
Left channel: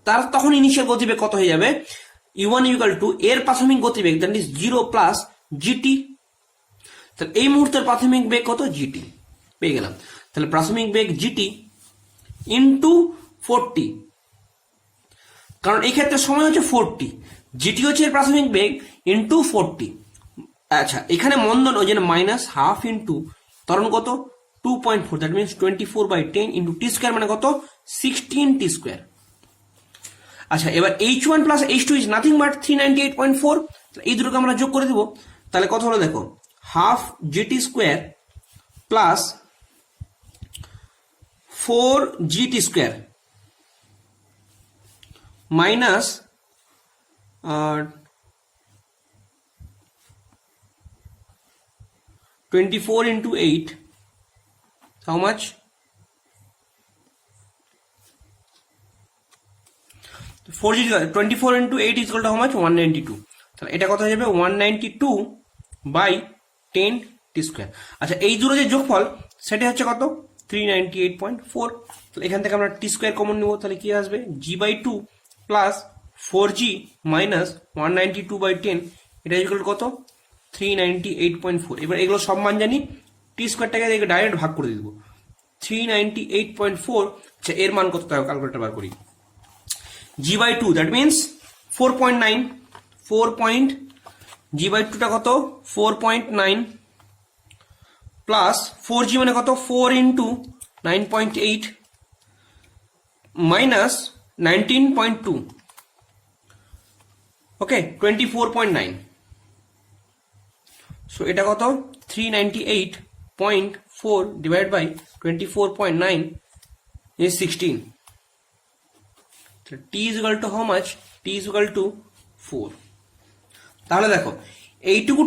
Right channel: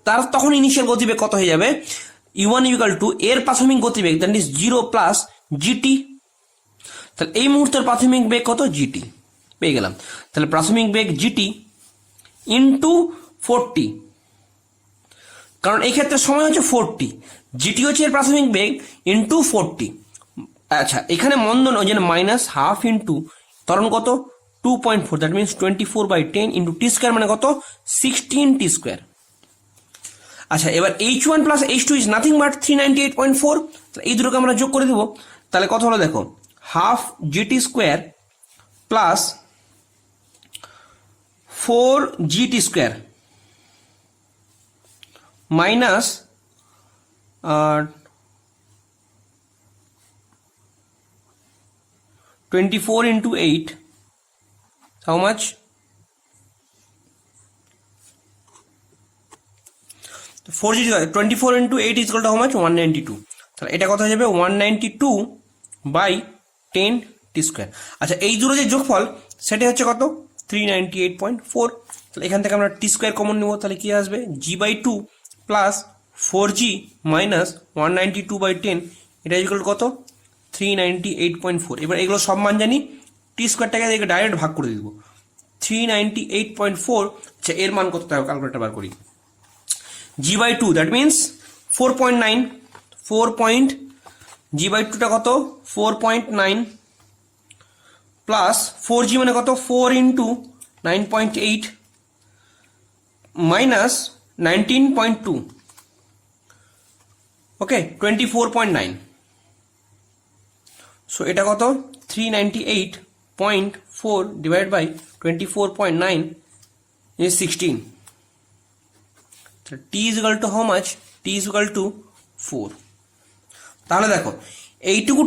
তার তখন ইনিশিয়াল গতিবেগ কত হয়ে যাবে, u1 ইকুয়াল টু এর প্রাথমিক গতিবেগ, দ্যাট ইজ 0 প্লাস জিটি। তাহলে এই মুহূর্তের প্রাথমিক বেগ কত, জিটি পেয়ে গেলাম। তাহলে প্রাথমিক বেগ জিটি ইন্টু 40, কারণ এই ক্ষেত্রে সময় হচ্ছে 40, জিটি হচ্ছে এর প্রাথমিক বেগ ইন্টু 40। আচ্ছা, এখানে মন্দন ওই জন্য মাইনাস হাফ ইন্টু ত্বরণ কত 2.4, that means 24/10 into T square মানে কত 16 টি স্কোয়ার। আচ্ছা, এবার h1 plus h2 is nothing but 398.4, এই দুটোকে আমরা যোগ করে দেবো। তাহলে কত হলো দেখো, half g t square plus 4 GT square minus 24 into 8, how much, 24 into 8 is equal to how much, 192। তাহলে এটা কত হয়ে যাবে, 192/10 টি স্কোয়ার। আচ্ছা, এই দুটো যে যোগফল সেটা হচ্ছে কত, 398.4। তাহলে এখান থেকে আমরা টি স্কোয়ার কমন নেব, তাহলে কি আসবে, g/2 প্লাস 4g মাইনাস 192/10, এটা ইকুয়াল কত, 398.4। এবার এগুলো সব মান জানি, টি স্কোয়ারটাকে ডাইরেক্ট ভাগ করে দিব, 398.4। আচ্ছা, এর মান কত হবে, ক্যালকুলেটর বার করি, g/2 দ্যাট মিনস 4.9, g/2টা কত 4.9 প্লাস 4g মানে কত 4 ইন্টু 9.8 মাইনাস 19.2, ওকে 24.9। সো এটা কত 398.4 divide by 24.9 is 16। t is equal to how much, t is equal to 4। তাহলে দেখো এইটুকু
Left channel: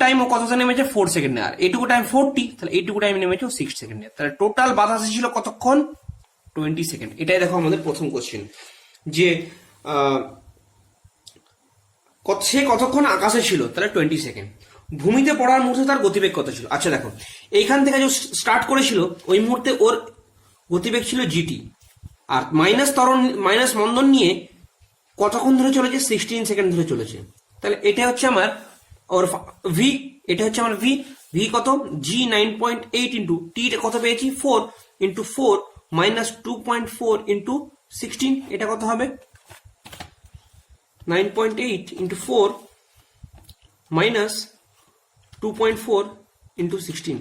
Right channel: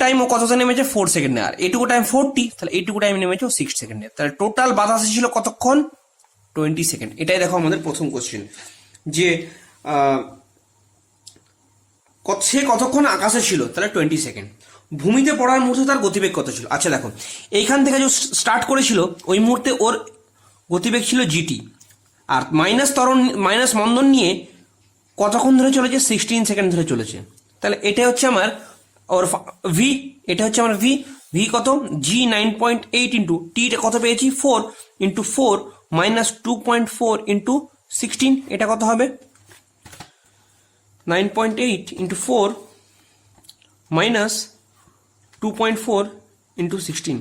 টাইম ও কতটা নেমেছে 4 সেকেন্ডে, আর এইটুকু টাইম 40, তাহলে এইটুকু টাইম নেমেছে 6 সেকেন্ডে। তাহলে টোটাল বাতাস ছিল কতক্ষণ, 20 সেকেন্ড। এটাই দেখো আমাদের প্রথম কোশ্চেন, যে সে কতক্ষণ আকাশে ছিল, তাহলে 20 সেকেন্ড। ভূমিতে পড়ার মুহূর্তে তার গতিবেগ কত ছিল। আচ্ছা দেখো, এইখান থেকে যে স্টার্ট করেছিল ওই মুহূর্তে ওর গতিবেগ ছিল জিটি, আর মাইনাস মন্দন নিয়ে কতক্ষণ ধরে চলেছে, 16 সেকেন্ড ধরে চলেছে। তাহলে এটা হচ্ছে আমার ওর ভি, এটা হচ্ছে আমার ভি কত, জি 9.8 ইন্টু টি কত পেয়েছি 4 ইন্টু 4 মাইনাস 2.4 ইন্টু 16, এটা কত হবে 9.8 into 4 minus 2.4 into 16,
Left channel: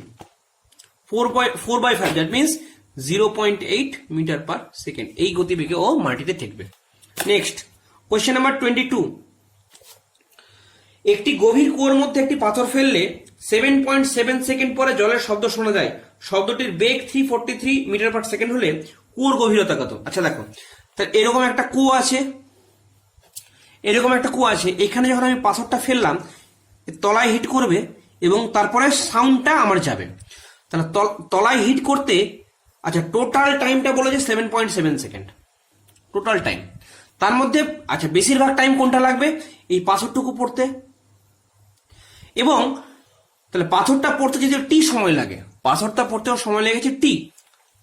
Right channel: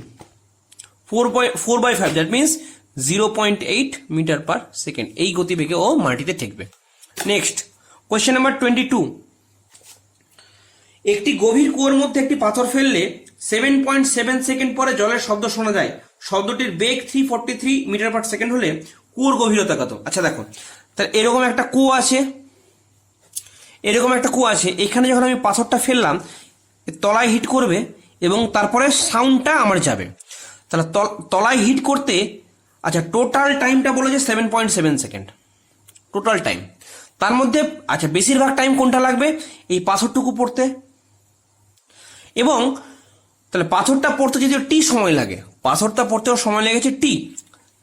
4/5, that means 0.8 metre per second. এই গতিবেগে ও মাটিতে ঠেকবে। নেক্সট কোয়েশ্চেন নাম্বার 22, একটি গভীর কুয়োর মধ্যে একটি পাথর ফেললে 7.7 সেকেন্ড পরে জলের শব্দ শোনা যায়। শব্দটির বেগ 343 মিটার পার সেকেন্ড হলে কুয়োর গভীরতা কত? আচ্ছা দেখো, তাহলে এরকম একটা কুয়ো আছে, এখানে যখন আমি পাথরটা ফেললাম তলায় হিট করবে এবং তারপরে সাউন্ডটা আমার যাবে। তাহলে তলায় হিট করতে, আচ্ছা টোটাল টাইমটা বলেছে 7.7 সেকেন্ড টোটাল টাইম। তার মধ্যে আচ্ছা বেশিরভাগ টাইম কোনটা লাগবে? এই পাথরটুকু পড়তে। এবং তাহলে পাথরটা পড়তে যদি টি সময় লাগে, পাথরটা পড়তেও সময় লেগেছে টি,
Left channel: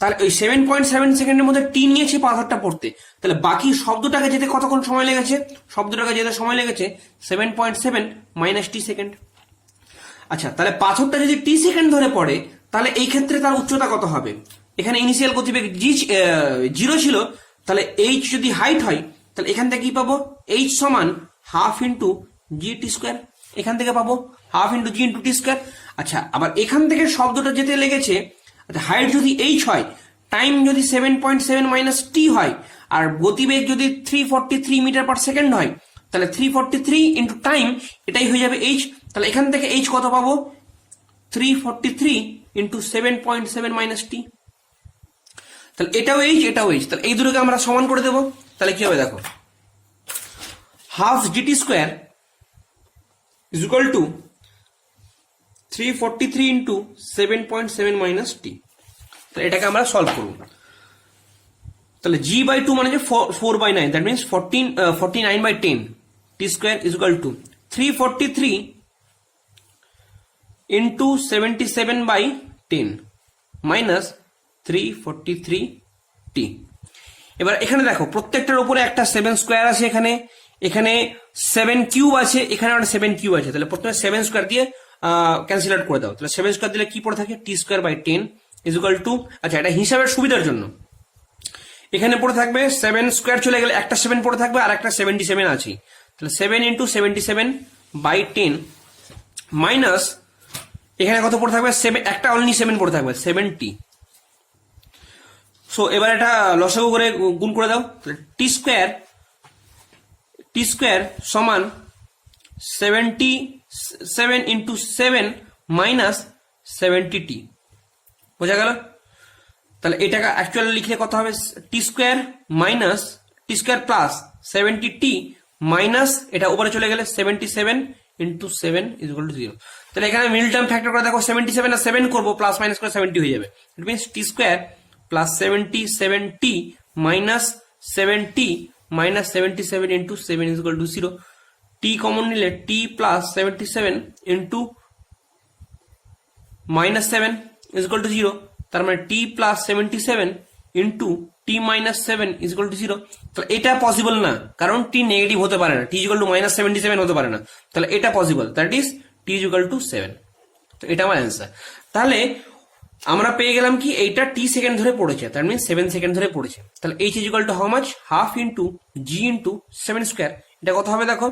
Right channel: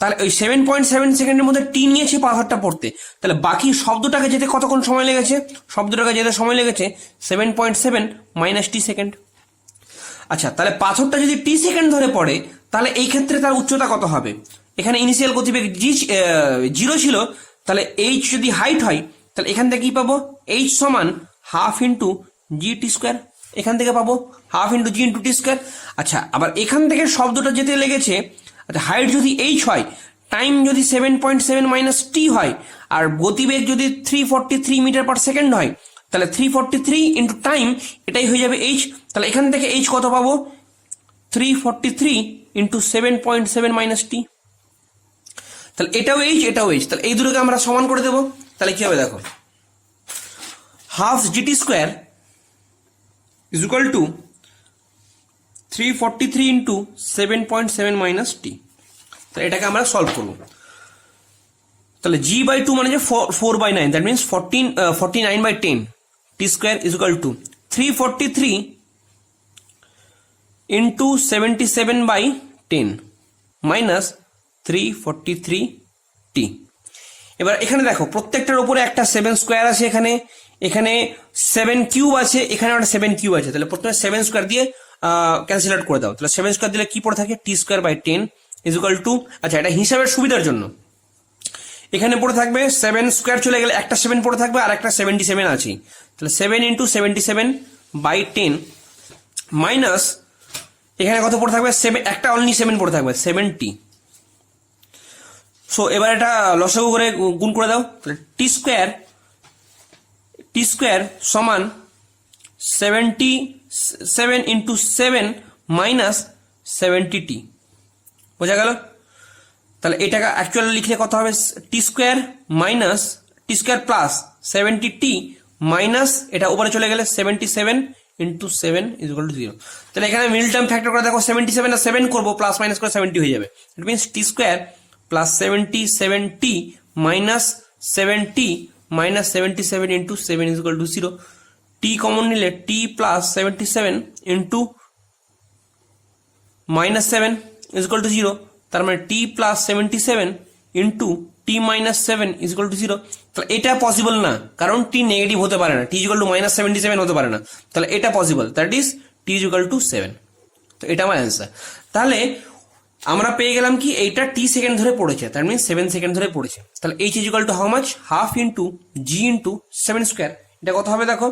তাহলে ওই 7.7 সেকেন্ডের মধ্যে টি নিয়েছি পাথরটা পড়তে, তাহলে বাকি শব্দটাকে যেতে কতক্ষণ সময় লেগেছে? শব্দটাকে যেতে সময় লেগেছে 7.7 মাইনাস টি সেকেন্ড। আচ্ছা তাহলে পাথরটা যদি টি সেকেন্ড ধরে পড়ে তাহলে এই ক্ষেত্রে তার উচ্চতা কত হবে? এখানে ইনিশিয়াল গতিবেগ জিরো ছিল, তাহলে এইচ যদি হাইট হয় তাহলে এখান থেকে কি পাবো? এইচ সমান হাফ ইন্টু জি টি স্কোয়ার। এখান থেকে পাবো half into G into T square. আচ্ছা আবার এখান থেকে শব্দটা যেতে লেগেছে, আচ্ছা হাইট যদি এইচ হয়, টাইম যদি 7.7 মাইনাস টি হয়, আর গতিবেগ যদি 343 মিটার পার সেকেন্ড হয়, তাহলে 343 ইন্টু টাইম এটাই হয়ে যাবে এইচ। তাহলে এখান থেকে এইচ কত পাবো? 343 ইন্টু 7.7 মাইনাস টি। তাহলে এটাও এইচ, এটাও এইচ, তাহলে এই দুটোকে আমরা সমান করে দেবো। তাহলে কি হবে দেখো, half g t square is equal to 343 into 7.7 minus t. তাহলে এটাকে আমরা সলভ করবো। তাহলে g/2 মানে যে 4/9, that means 49/10, T square is equal to 343 into 77/10 minus 343t। এবার এখানে দেখো প্রত্যেকটার উপরে একটা 7 স্কোয়ার আছে, এখানে 7 কিউব আছে, এখানে একটা 7 কিউব আছে। তাহলে প্রথমে 7 স্কোয়ার দিয়ে ক্যান্সেল আউট করে দাও। তাহলে 7 স্কোয়ার দিলে কি পড়ে থাকে? T square by 10 is equal to, আচ্ছা এটা হিসাবের সুবিধার জন্য এখানে পড়ে থাকবে 7 স্কোয়ার চলে গেলে একটা 7 পড়ে থাকবে আর একটা 77 আছে। তাহলে 7 ইন্টু 77/10 মাইনাস এখানে কত পড়ে থাকবে? 7, একটা অনলি 7 পড়ে থাকবে 70। সো এবার এটা লসাগু করে গুণ করে দাও। তাহলে টি স্কোয়ার সমান 77 ইন্টু 7 মাইনাস 70t। বোঝা গেল? তাহলে এটাকে অ্যাকচুয়ালি লিখলে কত হবে? টি স্কোয়ার মাইনাস টি স্কোয়ার প্লাস 70t মাইনাস এটা উপরে চলে গেলে 77 ইন্টু 7 ইজ ইকুয়াল টু 0। তাহলে এখানে মিডল টার্ম ফ্যাক্টর করে দেখো, 77 আর 7 করবো, প্লাস মাইনাস করে 70 হয়ে যাবে। It means t square plus 77t minus 7t minus 77 into 7 is equal to 0। T common নিলে t plus 77 into minus 7 is equal to 0। তার মানে t plus 77 into t minus 7 is equal to 0। তাহলে এটা possible না, কারণ টি negative হতে পারে না, টি ইজ ইকুয়াল টু মাইনাস 77 হতে পারে না। তাহলে এটা possible, that is T is equal two 7। তো এটা আমার অ্যান্সার। তাহলে আমরা পেয়ে গেলাম কি, এইটা টি সেকেন্ড ধরে পড়েছে, তার মিনস 7 সেকেন্ড ধরে পড়েছে। তাহলে H is equal to how much? Half into G into 7 square. এটা কত হবে দেখো,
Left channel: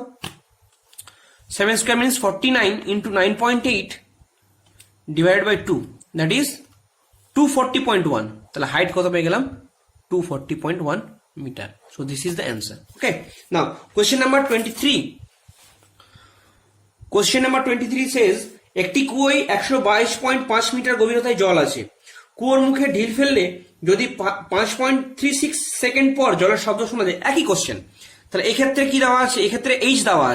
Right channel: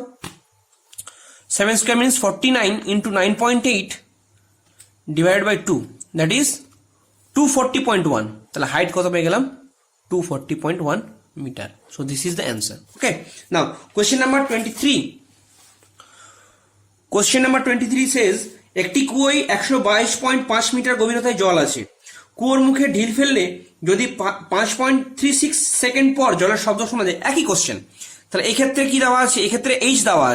7 square means 49 into 9.8 divided by 2, that is 240.1। তাহলে হাইট কত পেয়ে গেলাম? 240.1 metre. So this is the answer. Okay, now question number 23। Question number 23 says একটি কুয়োয় 122.5 মিটার গভীরতায় জল আছে। কুয়োর মুখে ঢিল ফেললে যদি 5.36 সেকেন্ড পর জলের শব্দ শোনা যায়। একই কোশ্চেন। তাহলে এক্ষেত্রে কি দেওয়া আছে? এক্ষেত্রে এইচ দেওয়া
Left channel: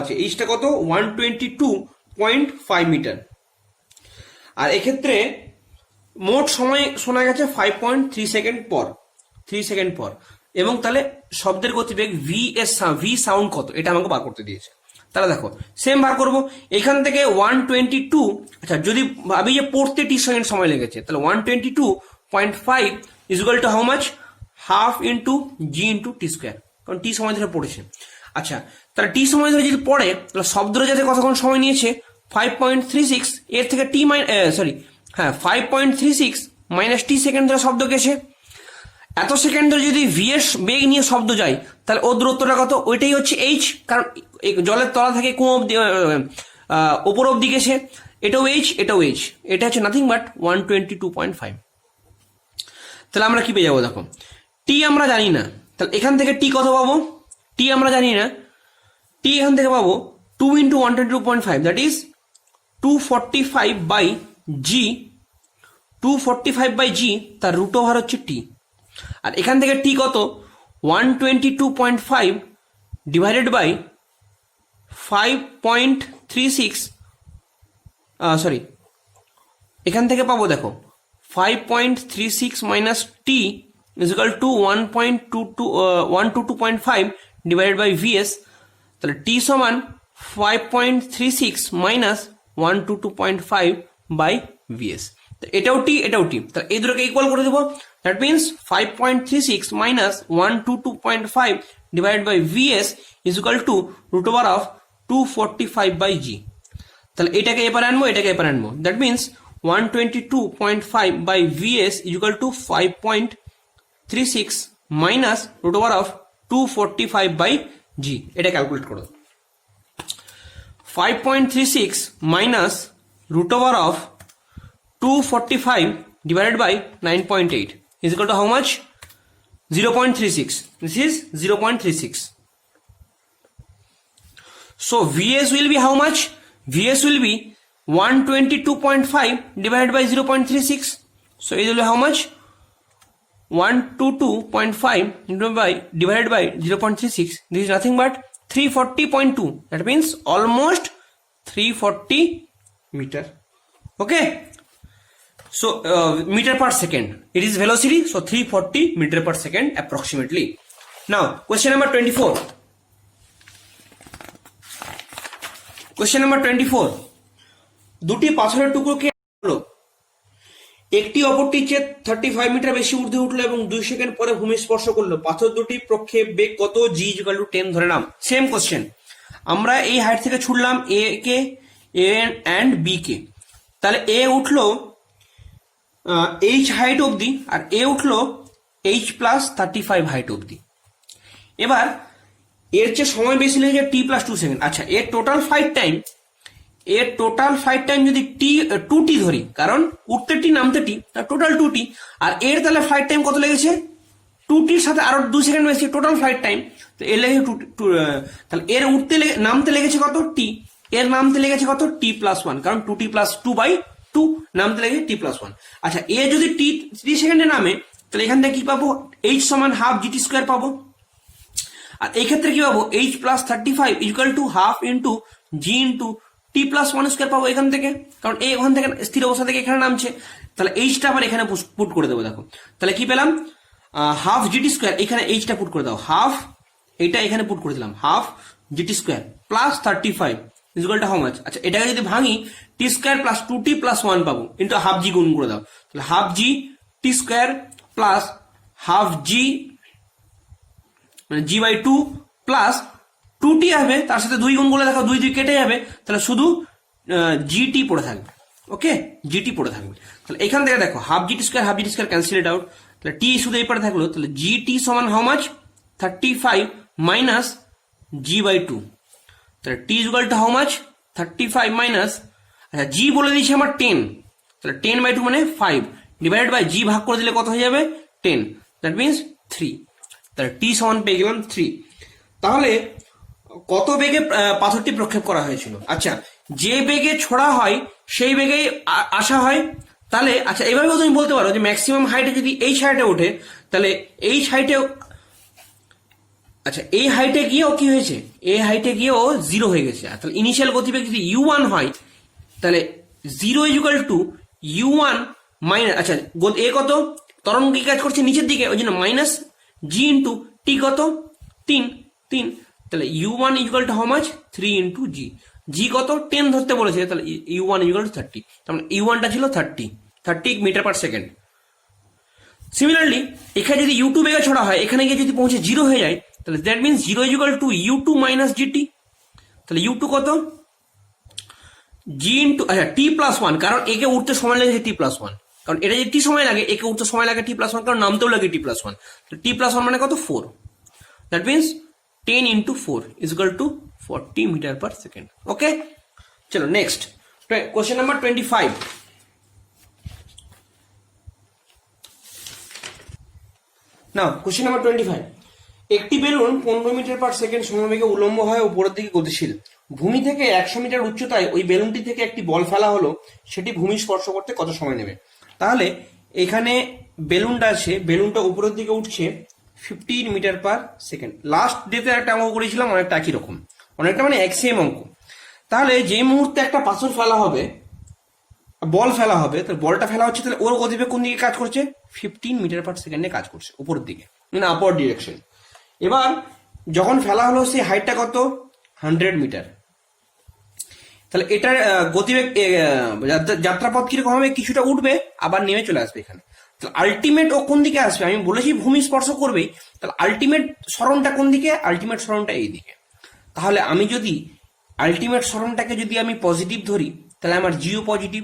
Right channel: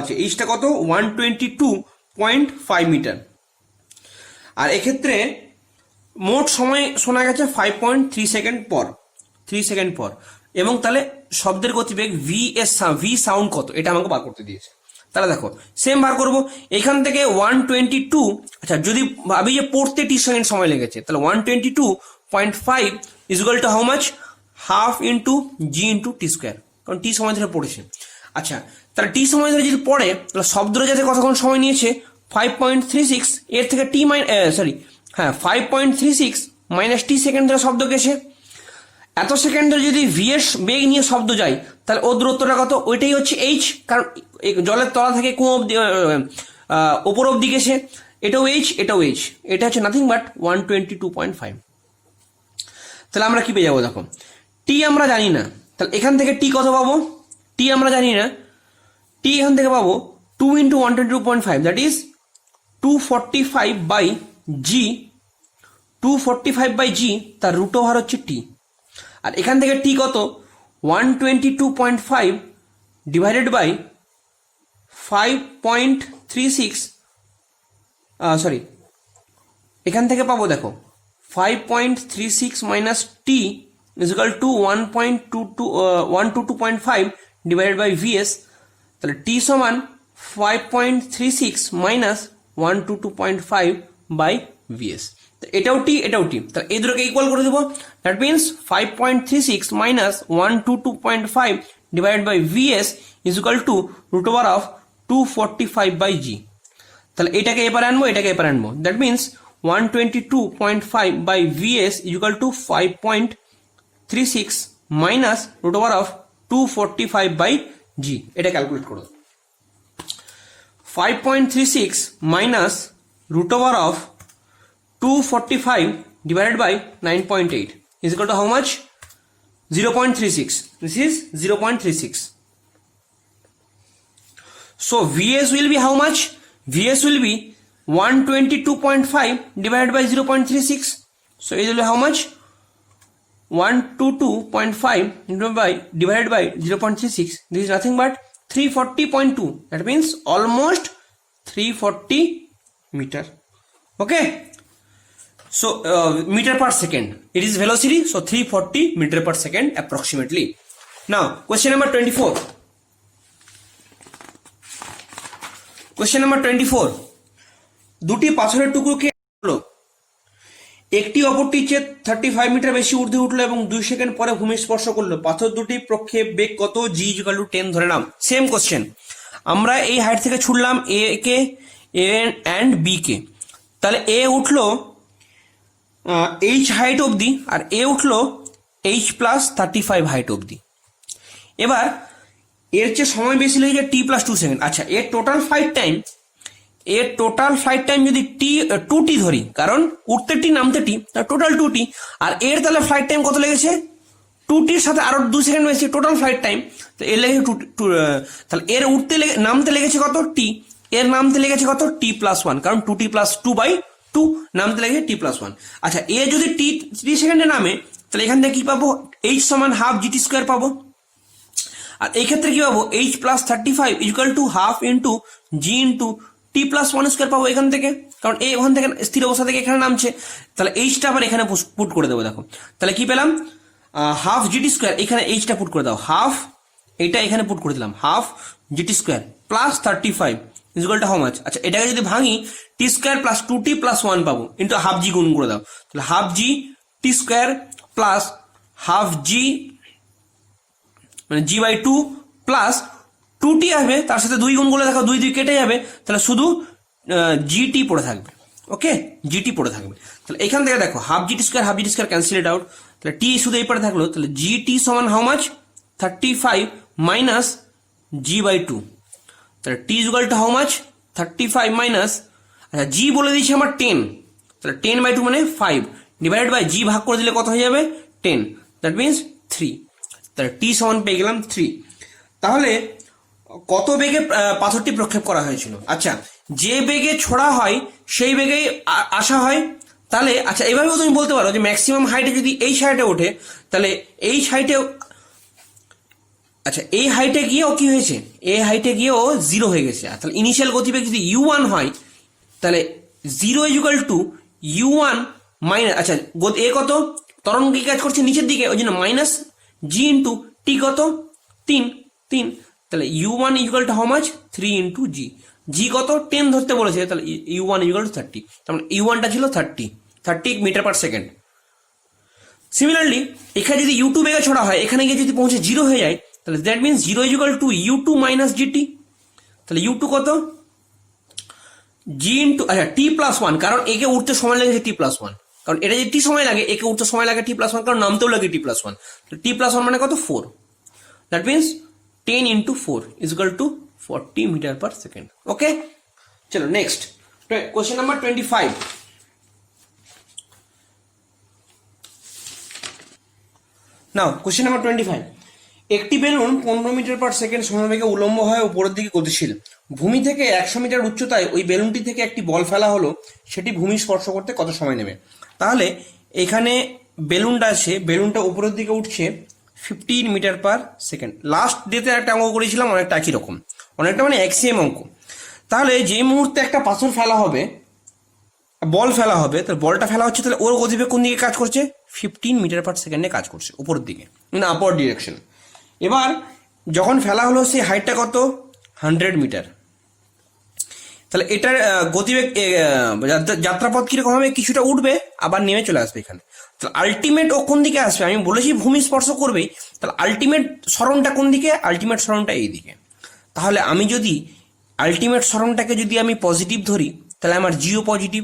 আছে, এইচটা কত? 122.5 মিটার। আর এক্ষেত্রে মোট সময় শোনা গেছে 5.3 সেকেন্ড পর। এবং তাহলে শব্দের গতিবেগ ভি সাউন্ড কত, এটা আমাকে বার করতে দিয়েছে। তাহলে দেখো সেম বার করবো। এখান থেকে 122, আচ্ছা যদি ভাবি যে পড়তে টি সেকেন্ড সময় লেগেছে, তাহলে 122.5 is equal to how much? Half into G into T square, কারণ টি সময় ধরে পড়েছে। আচ্ছা তাহলে টি সময় ধরে যদি পড়ে, তাহলে শব্দটা যাতে কতক্ষণ সময় নিয়েছে? 5.36, এর থেকে টি 5.36 মাইনাস টি সেকেন্ড ধরে শব্দ গেছে। এত সেকেন্ড ধরে যদি ভি এর বেগ নিয়ে শব্দ যায়, তাহলে ওর দূরত্বটা কত? ওইটাই হচ্ছে এইচ, কারণ জলের তলা থেকে কুয়ো ওপর অব্দি গেছে, এটাও এইচ এটাও এইচ, এটা হচ্ছে নাথিং বাট 122.5। তাহলে আমরা কি পেয়ে যাবো দেখো, টি আমরা জানি না, তাহলে এখান থেকে টি কত পাবো, টি আমরা জানি না, টি এখান থেকে পাবো 2 × 122.5 that is 245 by g, 245 by g, তার রুট ওভার হচ্ছে টি। আর এখান থেকে টি কত, 122.5 ডিভাইডেড বাই 5.36, সরি এখান থেকে পাবো দেখো 5.36 minus T is equal to 122.5 divided by V S. তাহলে টি সমান 5.36 মাইনাস 122.5 বাই ভিএস। এটাও টি এটাও টি, তাহলে এই দুটোকে ইকুয়াল করে দেবো। That means 5.36 minus 122.5 divided by v s is equal to root over of 245 by g. তাহলে এটাকে এপারে আনবো, এটাকে এপারে আনবো, that means 122.5 by v s is equal to 5.36 minus root over of 245 by g. এটা ক্যালকুলেট করো, 5.36 minus root over of 245 divided by 9.8 is equal to how much? 0.36. This is 0.36. So Vs will be how much? Vs will be 122.5 divided by 0.36. So it will be how much? 122.5 divided by 0.36. This is nothing but 340.2. That means almost 340 meter. Okay. So meter per second. It is velocity. So 340 meter per second approximately. Now question number 24. Question number 24. দুটি পাথরের টুকরোকে হলো, একটি অপরটির চেয়ে 35 metre বেশি ঊর্ধ্বে উঠলো এবং 2 second পরে ভূমি স্পর্শ করলো। পাথর দুটি প্রক্ষেপ বেগ কত? জি ইকুয়াল টু 10 ধরে নাম। সেম কোশ্চেন, আমরা এই হাইট থেকে ছুড়লাম এ কে, এ অ্যান্ড বি কে। তাহলে এ উঠলো এইচ হাইট অবধি আর এ উঠলো এইচ প্লাস 35 হাইট অবধি। এবার এর চেয়ে সময় বেশি লেগেছে টি প্লাস 2 সেকেন্ড। আচ্ছা, এর টোটাল ফ্লাইট টাইম যদি টি 2টি ধরি, কারণ উঠতে টি নামতে টি, টোটাল 2টি। আর এর তাহলে ফ্লাইট টাইম কত লেগেছে? 2টির সাথে আরো 2 সেকেন্ড বেশি, টোটাল ফ্লাইট টাইম। তো এর লেগেছে তাহলে এর নামতে লেগেছে কত? টি। এর নামতে লেগেছে কত? টি প্লাস 1, কারণ 2t প্লাস 2/2 নামতে লেগেছে টি প্লাস 1। আচ্ছা, এ যদি টি 3 সেকেন্ডে নামে, তাহলে এখান থেকে কি পাবো? এইচ সমান হাফ জিটি স্কোয়ার পাবো। আর এই ক্ষেত্রে কি পাবো? H plus 35 equal to half into G into T plus 1 square পাবো এখান থেকে, কারণ এই ওখান থেকে স্থির অবস্থা থেকে এখানে নামছে। তাহলে এইচটা আবার এখানে পুট করে দেবো। দেখো তাহলে কি পেলাম? হাফ জিটি স্কোয়ার, এখানে এইচটা পুট করে দাও, হাফ এটা এখানে পুট করে দিলাম, half g t square plus 35 equal to how much? আচ্ছা, এটাকে যদি ভাঙি, টি স্কোয়ার প্লাস 2t প্লাস 1 পাবো, ইন্টু হাফ জি গুণ করে দাও। তাহলে half g t square plus half জি মানে g/2 প্লাস 2t আসবে, তার সাথে 2 গুণ করে দেখো, 2 কেটে যাবে, তাহলে শুধু জিটি পড়ে থাকবে। ওকে, জিটি পড়ে থাকবে। তাহলে এখান থেকে দেখো half g t square cancel it out, তাহলে টি শুধু এই পারে থাকলো। তাহলে জিটি সমান হাউ মাচ? 35 minus g/2। তাহলে t equal to how much? 35 minus, আচ্ছা জি বলে দিয়েছি আমার 10, তাহলে 10/2 মানে 5 ডিভাইডেড বাই জি ভাগ করে দিলে কত হয়ে যাবে? 10, দ্যাট মিনস 3। তাহলে টি সমান পেয়ে গেলাম 3। তাহলে কত বেগে পাথরটি প্রক্ষেপ করা হয়েছিল? আচ্ছা, যে বেগে ছোড়া হয় সেই বেগেই আসা হয়। তাহলে আচ্ছা, এভাবেও তুমি বলতে পারো যে ম্যাক্সিমাম হাইটে যদি এই হাইটে ওঠে, তাহলে এই হাইটে, আচ্ছা এই হাইটে গিয়ে ও কি হয়েছে? এই হাইটে গিয়ে ও 0 হয়ে গেছে। তাহলে ইনিশিয়াল গতিবেগ যদি u1 হয়, তাহলে 0 ইকুয়াল টু u1 মাইনাস, আচ্ছা এ কত? তরঙ্গ কি কাজ করছে? নিচের দিকে, ওই জন্য মাইনাস জি ইন্টু টি কত? 3। তাহলে u1 equal to how much? 3 into g. G কত? 10 ধরতে বলেছে, তাহলে u1 ইকুয়াল টু 30। তার মানে u1টা ছিল 30 মিটার পার সেকেন্ড। সিমিলারলি এখানে যদি u2 বেগে ছোড়া হয়, এখানে গিয়ে যদি পৌঁছে 0 হয়ে যায়, তাহলে that means 0 equal to u2 minus GT. তাহলে u2 কত? জি ইন্টু, আচ্ছা টি প্লাস 1, কারণ একে উঠতে সময় লেগেছে টি প্লাস 1, কারণ এটা যদি টি সময় লাগে, একে উঠতে সময় লাগে টি প্লাস 1, কারণ নামতেও লাগে টি প্লাস 1। টি প্লাস 1 মানে কত? 4। That means 10 into 4 is equal to 40 metre per second. Okay, চলো next question number 25। Now question number 25, একটি বেলুন 15 মিটার পার সেকেন্ড সমবেগে উলম্ব হয় উপরের দিকে গতিশীল। ভূমি থেকে 100 মিটার উচ্চতায় ওই বেলুনটি থেকে একটি বল ফেলা হলো, সেটি ভূমি স্পর্শ করতে কত সময় নেবে? তাহলে এখানে বেলুনটা আছে, বেলুনটা উপরের দিকে উঠছে 15 মিটার পার সেকেন্ড। লাস্ট ডেতে একটা অঙ্ক করেছিলাম অনেকটা একই রকম, অনেকটা মানে এক্সিএম অঙ্ক। তাহলে যে মুহূর্তে একটা পাথর ফেলা হবে, বল ফেলা হবে, তাহলে বলটা ফেলা হচ্ছে, তাহলে ওর গতিবেগ কোন দিকে কাজ করছে? 15 মিটার পার সেকেন্ডে কাজ করছে উপরের দিকে, মানে আপার ডিরেকশন। এবার যখন ফেলা হলো সেই হাইটটা কত? 100 মিটার। তাহলে এটার গতিবেগ যাত্রাপথ কিরকম হবে? কিছুটা উঠবে আবার নেমে চলে আসবে এখানে। তাহলে আলটিমেট ও কোন দিকে আসবে? আমি বলেছি ভূমি স্পর্শ করবেই, তাহলে আলটিমেট সরণটা কোন দিকে? আলটিমেট সরণটা এই দিকে। তাহলে আমি যদি আলটিমেট সরণটাকে যদি আমি পজিটিভ ধরি, তাহলে আমার জিও পজিটিভ,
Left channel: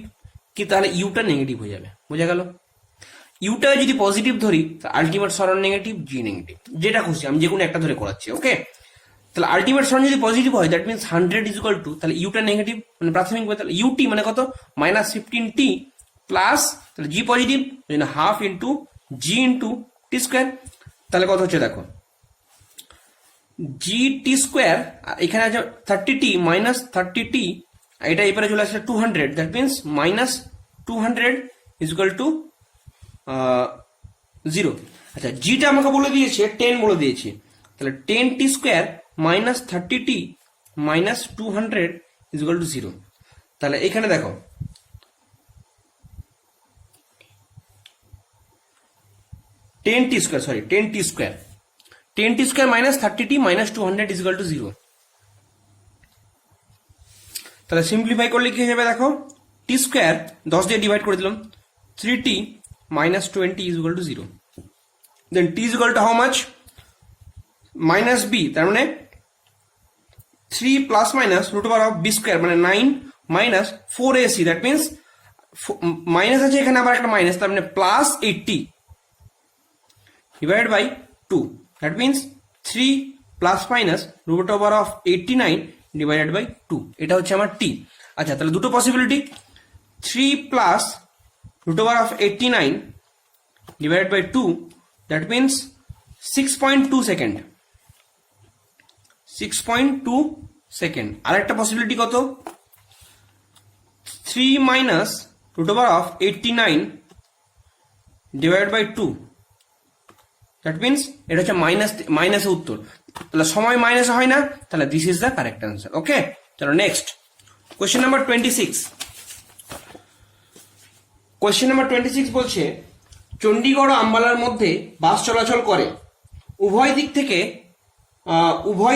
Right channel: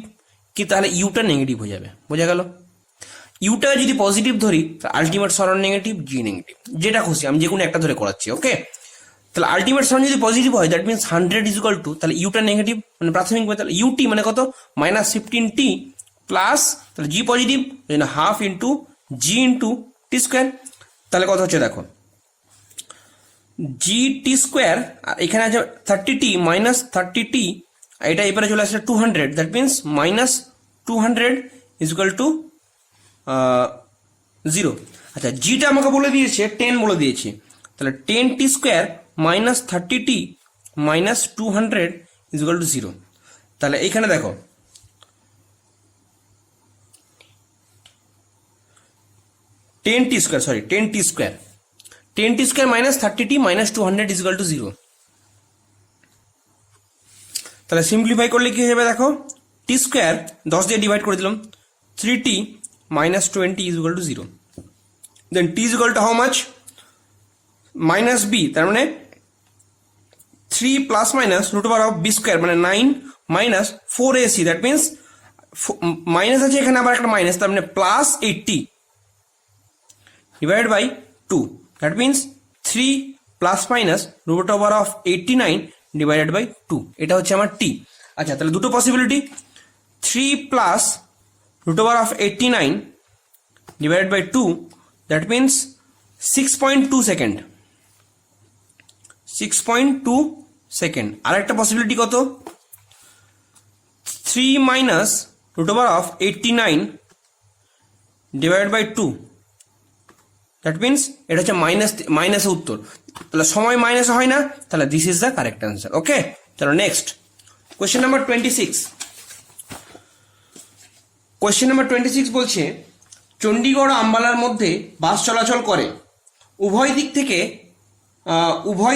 কি তাহলে ইউটা নেগেটিভ হয়ে যাবে। বোঝা গেল? ইউটা যদি পজিটিভ ধরি, আলটিমেট সরণ নেগেটিভ, জি নেগেটিভ, যেটা খুশি, আমি যে কোনো একটা ধরে করাচ্ছি। ওকে, তাহলে আলটিমেট সরণ যদি পজিটিভ হয়, that means 100 is equal two, তাহলে ইউটা নেগেটিভ মানে প্রাথমিক, তাহলে ইউটি মানে কত? -15t প্লাস, তাহলে জি positive, half into G into T square. তাহলে কত হচ্ছে দেখো, জি টি স্কোয়ার, আর এখানে আছে 30t মাইনাস 30t, এটা এবারে চলে আসছে 200, that means -200 is equal to 0। আচ্ছা, জিটা আমাকে বলে দিয়েছে 10 বলে দিয়েছি, তাহলে 10t square minus 30t minus 200 is equal to 0। তাহলে এখানে দেখো 10t square minus 30t minus 200 is equal to 0। তাহলে সিম্পলিফাই করলে কি হবে দেখো, টি স্কোয়ার 10 দিয়ে ডিভাইড করে দিলাম, 3t minus 20 is equal to 0। Then T is equal to how much? Minus B, তার মানে 3 plus minus root over of B square, মানে 9 minus 4ac, that means minus আছে এখানে আবার একটা মাইনাস, তার মানে plus 80 divide by 2, that means 3 plus minus root over of 89 divided by 2, এটা হচ্ছে আমার টি। আচ্ছা, তাহলে দুটো possibility, 3 plus root over of 89 divided by 2, that means 6.2 second, 6.2 second. আর একটা পসিবিলিটি কত? 3 minus root over of 89 divide by 2, that means এটা হচ্ছে মাইনাসের উত্তর। তাহলে সময় মাইনাস হয় না, তাহলে this is the correct answer. Okay, চলো next question number 26। Question number 26 বলছে, চণ্ডীগড় ও আম্বালার মধ্যে বাস চলাচল করে, উভয়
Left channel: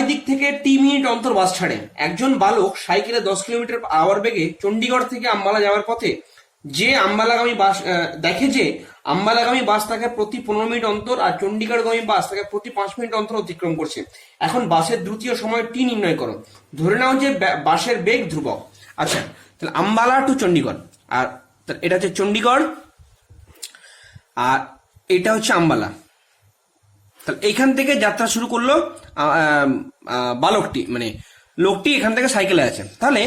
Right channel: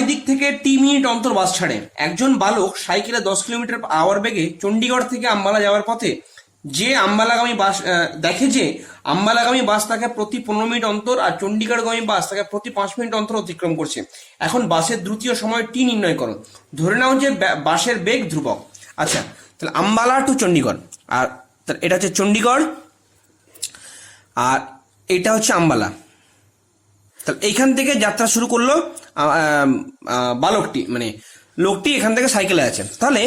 দিক থেকে টি মিনিট অন্তর বাস ছাড়ে। একজন বালক সাইকেলে 10 কিলোমিটার আওয়ার বেগে চণ্ডীগড় থেকে আম্বালা যাওয়ার পথে যে আম্বালাগামী বাস তাকে প্রতি 15 মিনিট অন্তর আর চণ্ডীগড়গামী বাস তাকে প্রতি 5 মিনিট অন্তর অতিক্রম করছে। এখন বাসের দ্রুতীয় সময় টি নির্ণয় করো। ধরে নাও যে বাসের বেগ ধ্রুবক। আচ্ছা, তাহলে আম্বালা টু চণ্ডীগড়, আর এটা হচ্ছে চণ্ডীগড় আর এটা হচ্ছে আম্বালা। তাহলে এইখান থেকে যাত্রা শুরু করলো বালকটি, মানে লোকটি এখান থেকে সাইকেলে আছে। তাহলে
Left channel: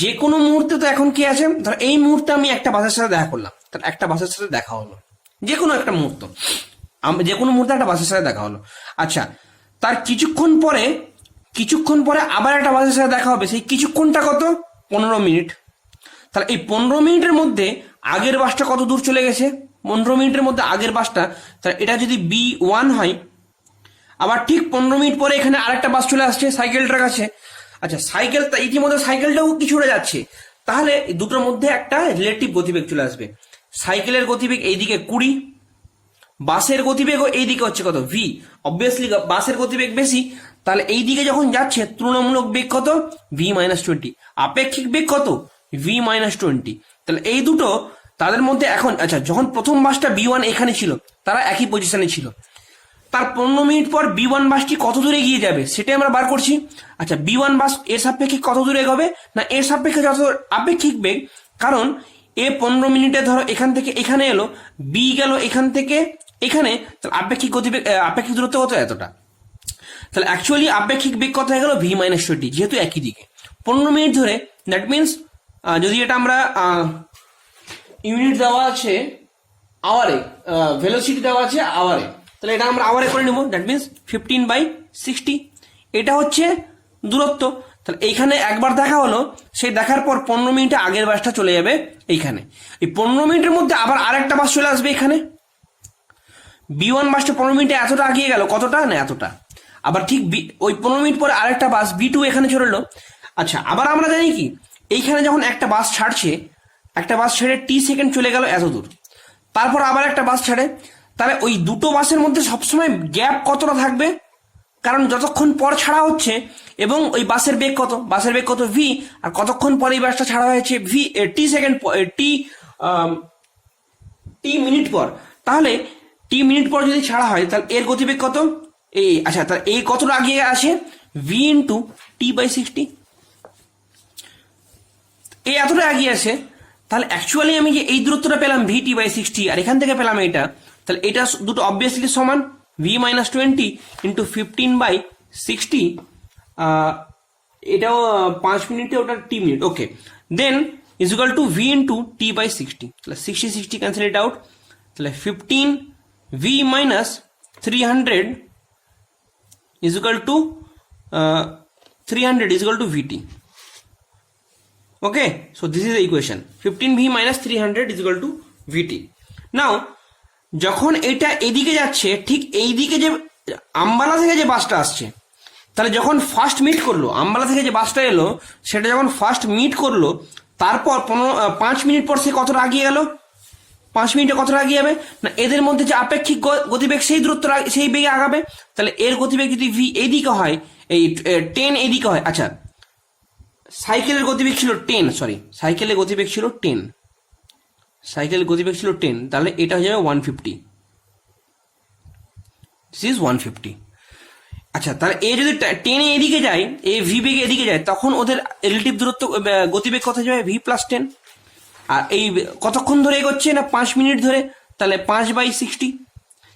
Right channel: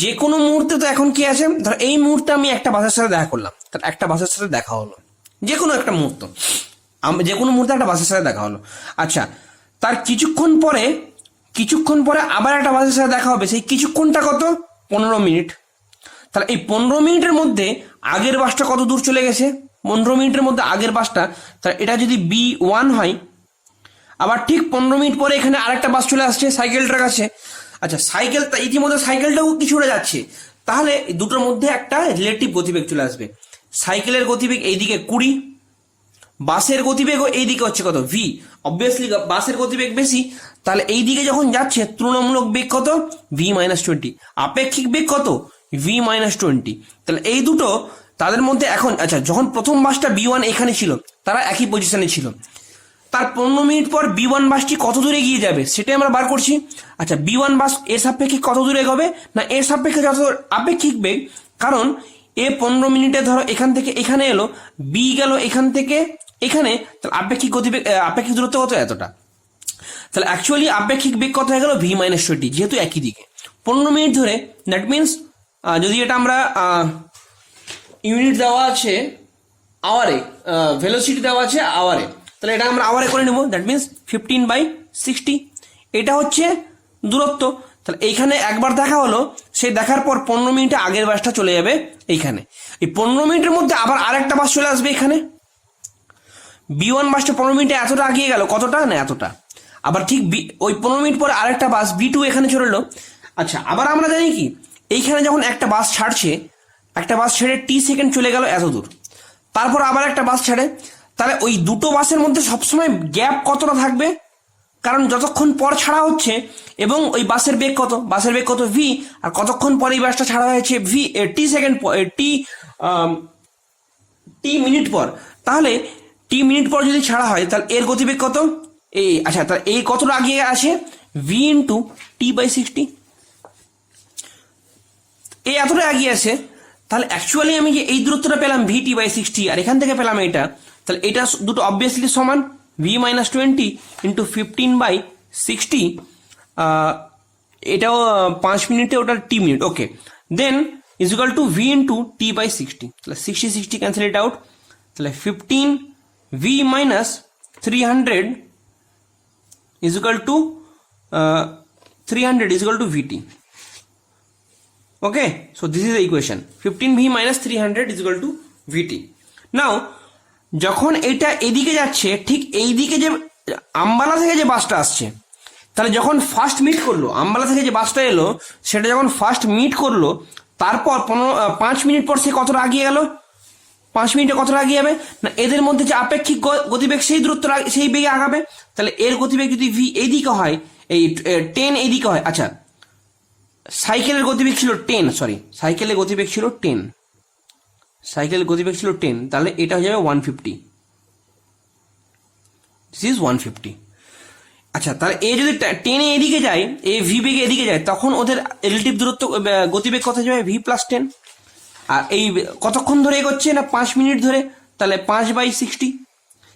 যে কোনো মুহূর্তে তো এখন কি আছে, ধর এই মুহূর্তে আমি একটা বাসের সাথে দেখা করলাম, তাহলে একটা বাসের সাথে দেখা হলো, যে কোনো একটা মুহূর্ত, যে কোনো মুহূর্তে একটা বাসের সাথে দেখা হলো। আচ্ছা, তার কিছুক্ষণ পরে আবার একটা বাসের সাথে দেখা হবে, সেই কিছুক্ষণটা কত? 15 মিনিট। তাহলে এই 15 মিনিটের মধ্যে আগের বাসটা কত দূর চলে গেছে? 15 মিনিটের মধ্যে আগের বাসটা, তাহলে এটা যদি B1 হয়, আবার ঠিক 15 মিনিট পরে এখানে আরেকটা বাস চলে আসছে সাইকেলটার কাছে। আচ্ছা, ইতিমধ্যে সাইকেলটাও কিছুটা যাচ্ছে, তাহলে দুটোর মধ্যে একটা রিলেটিভ গতিবেগ চলে আসবে। সাইকেলের গতিবেগ এইদিকে 20, বাসের গতিবেগও এইদিকে হচ্ছে কত? V। অবভিয়াসলি বাসের গতিবেগ বেশি, তাহলে এইদিকে যখন যাচ্ছে তুলনামূলক বেগ কত? V-20। আপেক্ষিক বেগ কত? V-20। তাহলে এই দুটো তাদের মধ্যে এখন, আচ্ছা, যখন প্রথম বাসটা B1 এখানে ছিল, তারা একই পজিশনে ছিল, তার 15 মিনিট পর B1 বাসটি কত দূরে এগিয়ে যাবে সেটাই আমরা বার করছি। আচ্ছা, B1 বাস এর সাপেক্ষে কত দূরে এগোবে? না, এর সাপেক্ষে যত আপেক্ষিক বেগ, কারণ এ 15 মিনিটে ধরো এখান থেকে এখানে এলো, B গেল এখান থেকে এখানে, তাহলে আপেক্ষিক গতিবেগ, আপেক্ষিক দূরত্ব কত? এতটা। তাহলে অ্যাকচুয়ালি আপেক্ষিক বেগ কত হয়ে গেল? V-20, যেহেতু একই দিকে। 15 মিনিট ধরে, দ্যাট মিনস যদি এটা আমরা ইউনিট দেওয়া আছে আওয়ারে, ভেলোসিটি দেওয়া আছে আওয়ারে, তাহলে এটা আমরা আওয়ারে করে নেব, দ্যাট মিনস 15/60। এটা হচ্ছে দূরত্ব। তাহলে এইখানে একবার দেখা হলো, সেই দেখার পর 15 মিনিটে আগের বাসটা চলে যাবে এইখানে। এই 15 মিনিটের মধ্যে আবার আরেকটা বাস চলে আসবে এখানে। B1 বাসটা 15 মিনিটে এতটা আগিয়ে গেল, কতটা না এতটা। আবার ঠিক ওই 15 মিনিট পরে আরেকটা বাস B2 এখানে চলে এলো। আচ্ছা, আবার আমরা জানি কি, এইখানে যখন একটা বাস ছাড়ছে, একটা বাস ছেড়ে t সেকেন্ড চলে গেল এত দূর, তারপর আবার একটা বাস ছাড়ে, তাহলে ওই দুটো বাসের মধ্যে সবসময় গ্যাপ কতটা থাকবে? কারণ যতক্ষণ পর ছাড়া হচ্ছে এবং ওই বাসের বেগ কত, বাসের বেগ কত v, আর কতক্ষণ পরে এই বাসটা ছাড়া হয়েছে v, t second t minute পর। তাহলে t মিনিট পর যদি ছাড়া হয়, তাহলে এর গতিবেগ কত? এই আচ্ছা, তাহলে এই কতটা আগিয়ে আসে? v into t/60। এই এতটা এগিয়ে আসে। তাহলে অ্যাকচুয়ালি আমি যে এই দূরত্বটা পেলাম vt/60, আর এখান থেকে পেলাম এটা, তাহলে এটা দুটো অবভিয়াসলি সমান, v-20 ইন্টু 15/60। এটাও 5 মিনিটে, ওটা t minute, okay. Then is equal to v into t/60। তাহলে 60 ক্যান্সেল ইট আউট। তাহলে 15v-300 is equal to 300 is equal to vt। Okay, so this is the equation, 15v minus 300 is equal to vt. Now, যখন এটা এদিকে যাচ্ছে, ঠিক এইদিকে যে আম্বালা থেকে যে বাসটা আসছে, তাহলে যখন ফার্স্ট মিট করলো, আম্বালা থেকে যে বাসটা এলো, সেটা যখন ফার্স্ট মিট করলো, তারপর 5 মিনিট পর সে কতটা আগিয়ে গেল? 5 মিনিটে কতটা আগিয়ে যাবে না, এদের মধ্যে যে আপেক্ষিক গতিবেগ সেই দূরত্ব সেই বেগে আগাবে। তাহলে এর গতিবেগ যদি v এইদিকে হয়, এই 10 এইদিকে হয়, আচ্ছা সাইকেলের গতিবেগ ছিল 10, সরি সাইকেলের গতিবেগ ছিল 10, সাইকেলের গতিবেগ ছিল 10, তাহলে এটা হয়ে যাবে 150, দিস ইজ 150। আচ্ছা, তাহলে এ যদি 10 এদিকে যায়, এ ভি বেগে এদিকে যায়, তখন ওদের রিলেটিভ দূরত্ব গতিবেগ কত যাবে? v+10। আর এই কতক্ষণ ধরে এগোচ্ছে না, 5 মিনিট ধরে, তাহলে 5/60।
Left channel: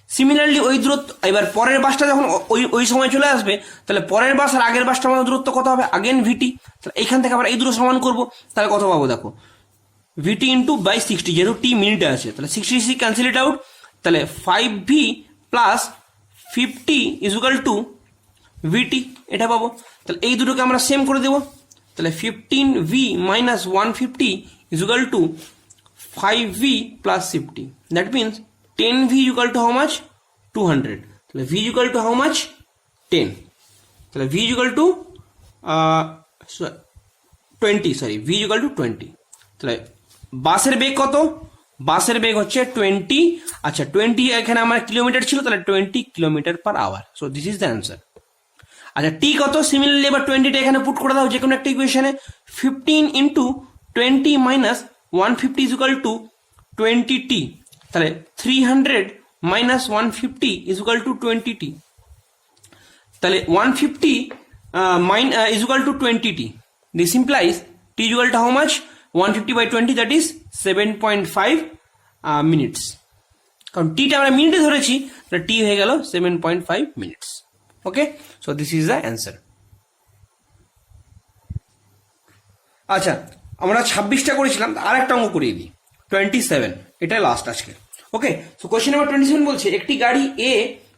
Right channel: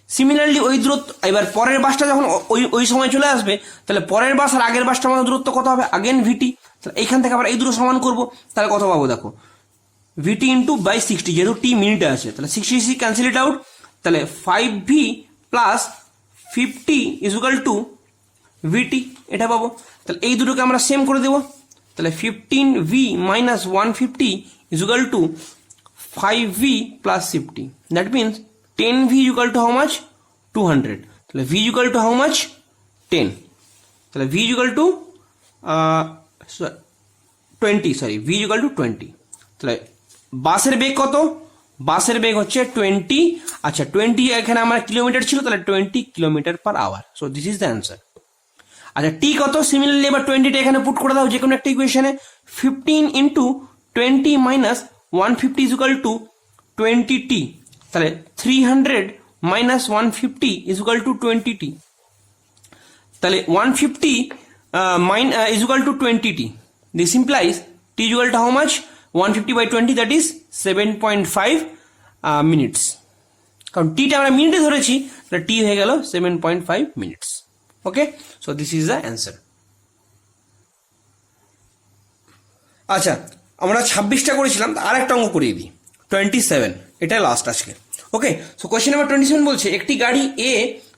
সিমিলারলি ওই দূরত্ব, এবার পরের বাসটা যখন ওই সময় চলে আসবে, তাহলে পরের বাস আর আগের বাসটা আমাদের দূরত্ব কত হবে? আগেন ভিটি। তাহলে এখান থেকে আবার এই দুটো সমান করবো, তাহলে কত পাবো দেখো, ভিটি ইন্টু বাই 60, যেহেতু টি মিনিটে আছে, তাহলে 60 ক্যান্সেল ইট আউট। তাহলে 5v plus 50 is equal to v t, এটা পাবো। তাহলে এই দুটোকে আমরা সেম করে দেবো। তাহলে 15v minus 150 is equal two 5v plus 50, that means 10v equal to how much? 200. তাহলে v equal to how much? 10. তাহলে v equal to 20, sorry v equal to 20। তাহলে বাসের বেগ কত? বাসের বেগ হচ্ছে 20। আচ্ছা 20 এখানে আমার কিলোমিটার ছিল, তাহলে 20 kilometre per hour. So this is the answer. আচ্ছা টি কত? সিমিলারলি এবার 20টা এখানে পুট করে দাও যে কোনো একটা ইকুয়েশনে। 15 into 20 minus 150 is equal to 20t। তাহলে 300 minus 150 is equal to 20t। তাহলে 150 is equal to 20t। This implies t is equal to how much? 150/20, that is 7.5 minutes. কারণ টিটা আমরা মিনিটে ধরেছি, তাহলে টি হয়ে গেল 7.5 minutes. Okay, so this is the answer. আচ্ছা আমরা 26টা করেছিলাম, আর একটা অঙ্ক করিয়ে দিই, 27, এটা লাস্ট আজকে। ওকে, সো কোয়েশ্চেন নাম্বার 27 বলছে একটি গাড়ি এ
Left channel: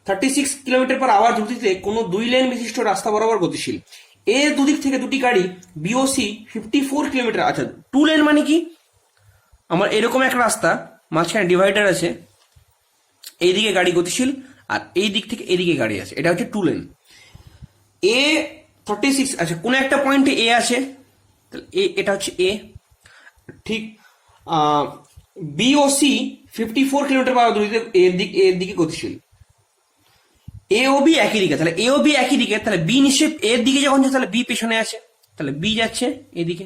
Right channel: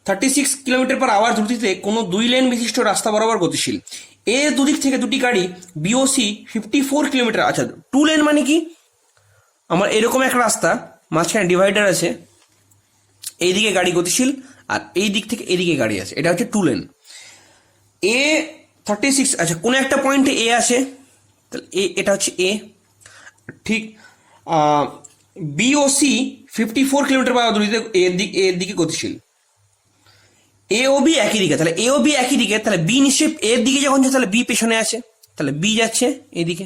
36 কিলোমিটার পার আওয়ার গতিতে কোনো 2 লেন বিশিষ্ট রাস্তা বরাবর গতিশীল। এর দুদিক থেকে দুটি গাড়ি বিওসি 54 কিলোমিটার। আচ্ছা 2 লেন মানে কি? আমার এরকম একটা রাস্তা, মাঝখানে ডিভাইডার আছে, এইদিকে গাড়ি গতিশীল আর এই দিক থেকে এদিকে গাড়ি আছে, এটা হচ্ছে 2 লেন। এ 36, আচ্ছা কোনো একটা পয়েন্টে এ আসে, তাহলে এটা হচ্ছে এ, ঠিক বিওসি 54 কিলোমিটার পার আওয়ার এর দিকে গতিশীল। এ ও বি একই দিকে, তাহলে এ ও বি একই দিকে, তাহলে বি নিশ্চয়ই এর দিকে যখন যাচ্ছে তাহলে বি পেছনে আছে, তাহলে বি যাচ্ছে এদিকে।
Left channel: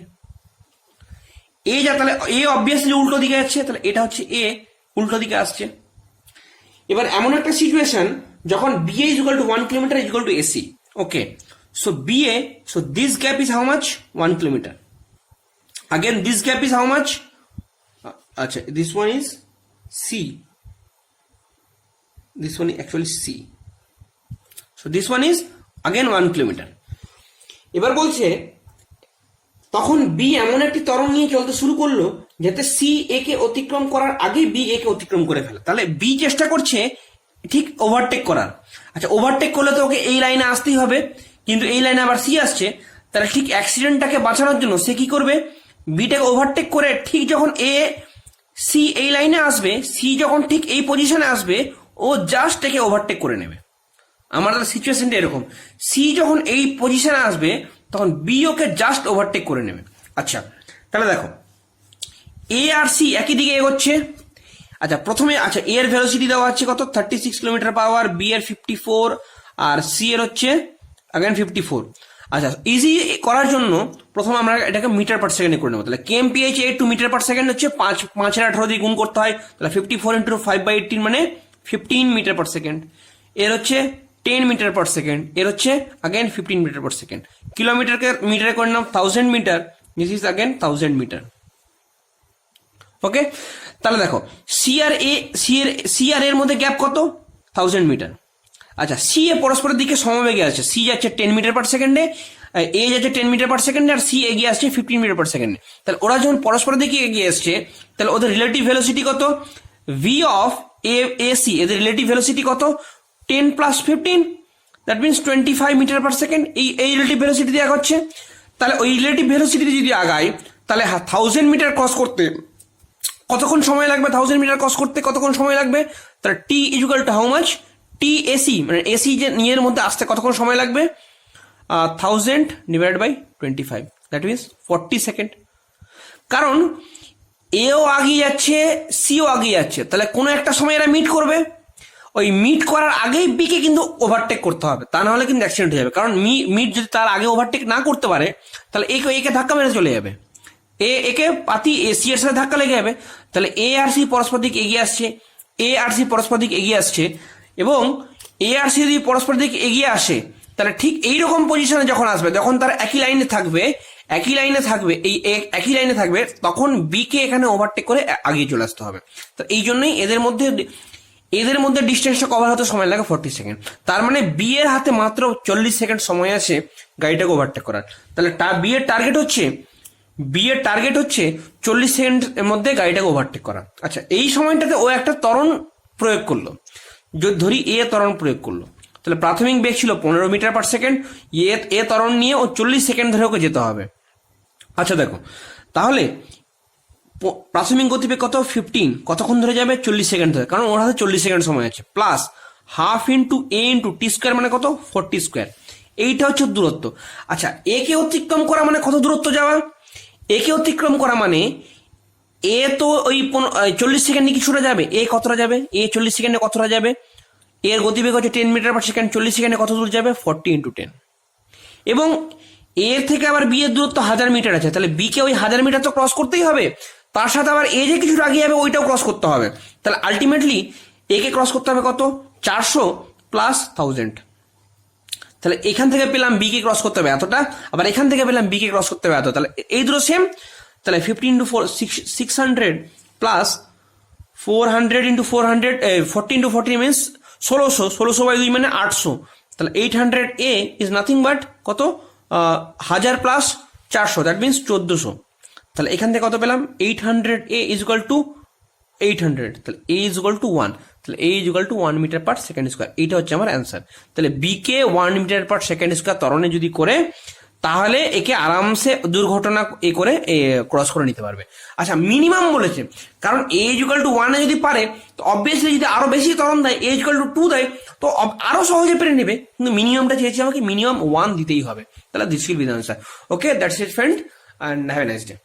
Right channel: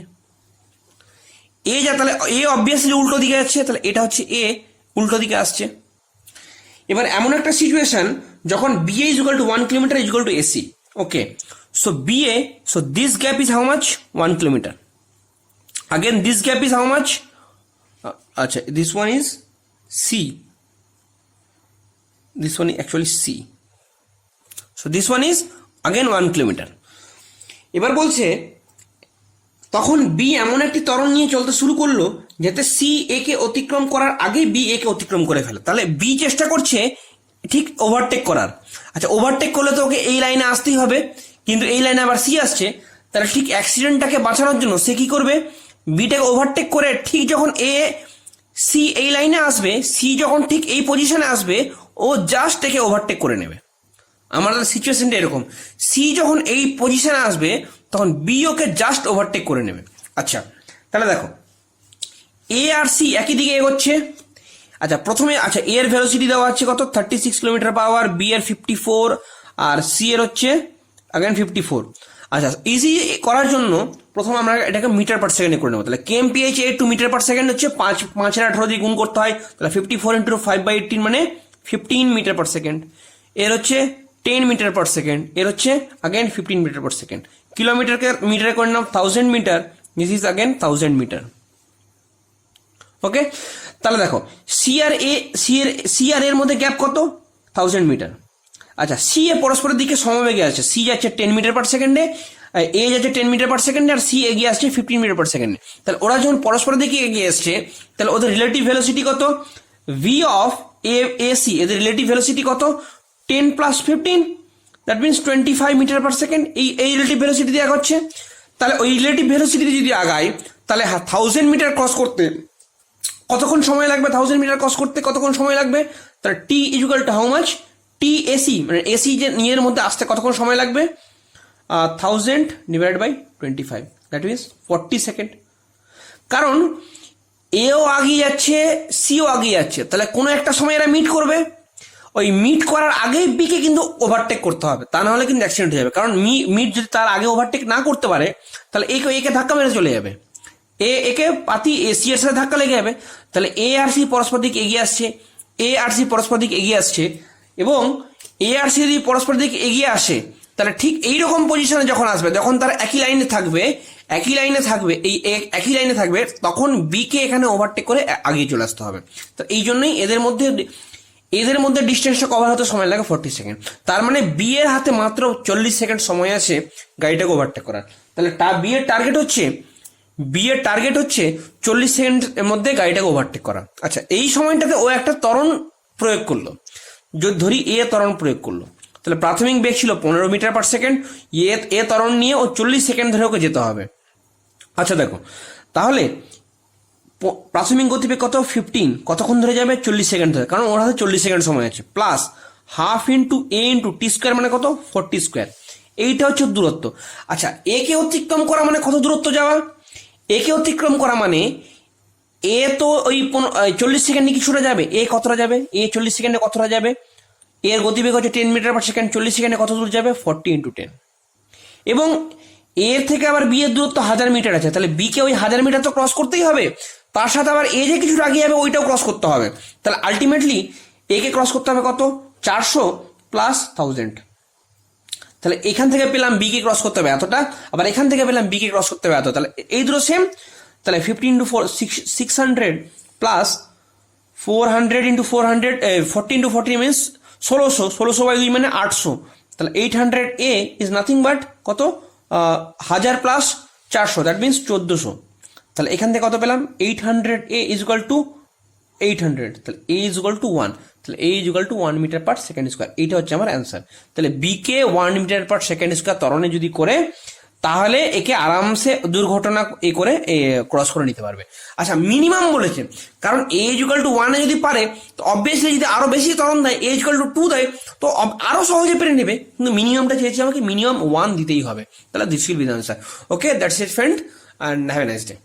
এ যা, তাহলে এ অবভিয়াসলি উল্টো দিকে যাচ্ছে, তাহলে এটা হচ্ছে এ উল্টো দিকে আসছে। এবার এমন একটা সিচুয়েশন যখন B A is equal to 1 kilometre is equal to AC. Okay, so B A, so this gap is how much? 1 kilometre. Again this gap is how much? Acha, this one is C. This one is actually C. So this one is again 1 kilometer. এবার বলছে তখন B এমন একটি ত্বরণ নিয়ে চলতে শুরু করলো যাতে সি এ কে অতিক্রম করার আগে বি এ কে অতিক্রম করে ফেলে। তাহলে বি চেষ্টা করছে ঠিক ওভারটেক করার। আচ্ছা, ওভারটেক করলে তো ওকে এই লাইনে আসতেই হবে, কিন্তু এই লাইনে আবার সি আসছে। তাহলে ঠিক অ্যাক্সিডেন্টটাকে বাঁচানোর জন্য সে কি করবে, বিটাকে ওভারটেক করে ঠিক যখন এ সি এই লাইনে আসবে, সি যখন ঠিক এই পজিশনে আসবে, ও জাস্ট একে ওভারটেক করে নেবে। আমাদের সিচুয়েশনটা এরকম, সি যখন এই পজিশনে আসবে তখন বি ওকে জাস্ট ওভারটেক করে নেবে। আচ্ছা, তাহলে দেখো এ আর সি একই দিকে এগোচ্ছে। আচ্ছা প্রথমে, আচ্ছা এ এর ভেলোসিটি দেওয়া আছে কত, 36 কিলোমিটার পাওয়ার, বি এর 54, আর সি এর হচ্ছে अगेन 54। আচ্ছা, ইজি করার জন্য প্রথমে আমরা এটাকে মিটার পার সেকেন্ডে করে নেবো। তাহলে কেএমপিএইচ এ টু মিটার পার সেকেন্ড হচ্ছে 5/18 দিয়ে গুণ করতে হয়। তাহলে 54 ইন্টু 5/18 মানে 15 মিটার পার সেকেন্ড। এর হচ্ছে 10 মিটার পার সেকেন্ড, এর হচ্ছে अगेन 15 মিটার পার সেকেন্ড। কিলোমিটারকে মিটারে করে নাম 1000 metre, this is again 1000 metre. Okay, তাহলে দেখো সি আর এর মধ্যে গ্যাপ কত, 1000 মিটার। আচ্ছা, সি এ পরস্পরের দিকে সমবেগে আছে, সি যাচ্ছে 10 মিটার পার সেকেন্ডে, এ যাচ্ছে 10 মিটার পার সেকেন্ডে, আর সি এগিয়ে আসছে 15 মিটার পার সেকেন্ডে। তাহলে ওরা যখন পরস্পরের দিকে এগিয়ে আসছে, তাহলে ওদের রিলেটিভ ভেলোসিটি কত, ভি অফ এ সি, এদের রিলেটিভ ভেলোসিটি কত, 10 plus 15, that means 25 metre per second. এই রিলেটিভ ভেলোসিটি দিয়ে আগাচ্ছে। তাহলে ওই রিলেটিভ ভেলোসিটিতে যদি আগায়, তাহলে 1000 মিটার ক্রস করতে কতক্ষণ সময় লাগবে, 1000 মিটার ক্রস করতে কতক্ষণ সময় লাগবে, তাহলে t equal to how much, t AC মানে এসি যে নিজের মধ্যে আসতে কতক্ষণ সময় লাগবে, 1000 divided by 25, that means 40 second. কারণ এও আগিয়ে যাচ্ছে, সিও আগিয়ে যাচ্ছে, তাহলে কোনো একটা সময় এরা মিট করবে। ওই মিট করার আগেই বিকে কিন্তু ওভারটেক করতে হবে, তা না হলে কিন্তু অ্যাক্সিডেন্ট হয়ে যাবে। কারণ মিট যদি তার আগে ওভারটেক না করতে পারে, তাহলে একে ধাক্কা মেরে চলে যাবে, একে পাতি সি এর সাথে ধাক্কা লেগে যাবে। তাহলে এ আর সি পরস্পর দিকে এগিয়ে আসছে, এ আর সি পরস্পর দিকে এগিয়ে আসছে, এবং এ আর সি যদি পরস্পর দিকে এগিয়ে আসে, তাহলে ঠিক এইরকম পজিশনে যখন আসবে, যখন তারা একই লাইনে থাকবে, এই একই লাইনে থাকবে, তখন বি কে এখানে ওভারটেক করে আগিয়ে চলে আসতে হবে। তো এই জন্যই এদের মধ্যে ডিস্টেন্সটা কভার হতে সময় লাগে 40 সেকেন্ড। তার মানে বি এর হাতে মাত্র 40 সেকেন্ড সময় আছে গাড়িটাকে ওভারটেক করার। তাহলে বি এর টার্গেট হচ্ছে 40 সেকেন্ডের মধ্যে গাড়িটাকে ওভারটেক করা। আচ্ছা, এই সময়টাতে ও একটা ত্বরণ প্রয়োগ করলো, যদি ধরি এ ত্বরণ প্রয়োগ করলো, তাহলে প্রাথমিক বেগ ছিল 15 মিটার পার সেকেন্ড, এ ত্বরণ নিয়ে ও 40 সেকেন্ড ধরে ওকে যেতে হবে। আচ্ছা দেখো, তাহলে প্রাথমিক গতিবেগ কত, 15, কতক্ষণ ধরে যাবে, 40 সেকেন্ড ধরে, কারণ ওর হাতে 40 সেকেন্ড সময় আছে, plus half into A into T square মানে কত, 40 স্কোয়ার। এইটা হচ্ছে দূরত্ব। আচ্ছা, একে অতিক্রম করা মানে কত দূরত্ব যাওয়া, একে অতিক্রম করা মানে এ তো ওই 40 সেকেন্ডে কিছুটা যাবে, এ কতটা যাবে, এ 40 সেকেন্ডে কতটা যাবে, এর গতিবেগ হচ্ছে 10 মিটার পার সেকেন্ড, 40 সেকেন্ডে কত দূর যাবে, 40 ইন্টু 10। এবং এর থেকে আবার বি এর দূরত্ব 1000 মিটার আছে, তাহলে বি কে ওই 1000 মিটার তো ক্রস করতেই হবে, তার সাথে আবার এ যে কিছুটা আগে যাবে ওইটাও ক্রস করতে হবে। তাহলে আলটিমেটলি এ কে ক্রস করতে হবে কত, 400 প্লাস 1000। তাহলে এখান থেকে পেলাম বি কে ক্রস করতে হবে এতটা, আবার এখান থেকে পেলাম বি কে ক্রস করতে হবে এত, তাহলে এই দুটো সেম। তাহলে 50 into 600 plus 400 into 400, 40 into 40 means 1600 by 2 মানে 800। তাহলে 800 এ ইজ নাথিং বাট কত, 1000 প্লাস 400, দ্যাট মিনস 1400। তাহলে এখান থেকে কত পেলাম, 800 এ ইজ ইকুয়াল টু 800, তাহলে এ ইজ ইকুয়াল টু 1, তাহলে a is equal to 1 metre per second square. এইটা হচ্ছে আমার অ্যান্সার। তাহলে বি কে 1 মিটার পার সেকেন্ড স্কোয়ার ত্বরণে যদি করে, তাহলে একে আরামসে দুর্ঘটনা করে ক্রস করে নিতে পারবে। আচ্ছা, মিনিমাম বলেছে, কারণ এ ইজ ইকুয়াল টু 1 যদি পারে, তো অবভিয়াসলি যদি আরো বেশি ত্বরণ দেয়, এ ইজ ইকুয়াল টু 2 দেয়, তো আরো সহজে পেরে নেবে। কিন্তু মিনিমামটা চেয়েছে আমাকে, মিনিমাম 1 দিতেই হবে। তাহলে this will be the answer. Okay, that's it friend, and have a nice day.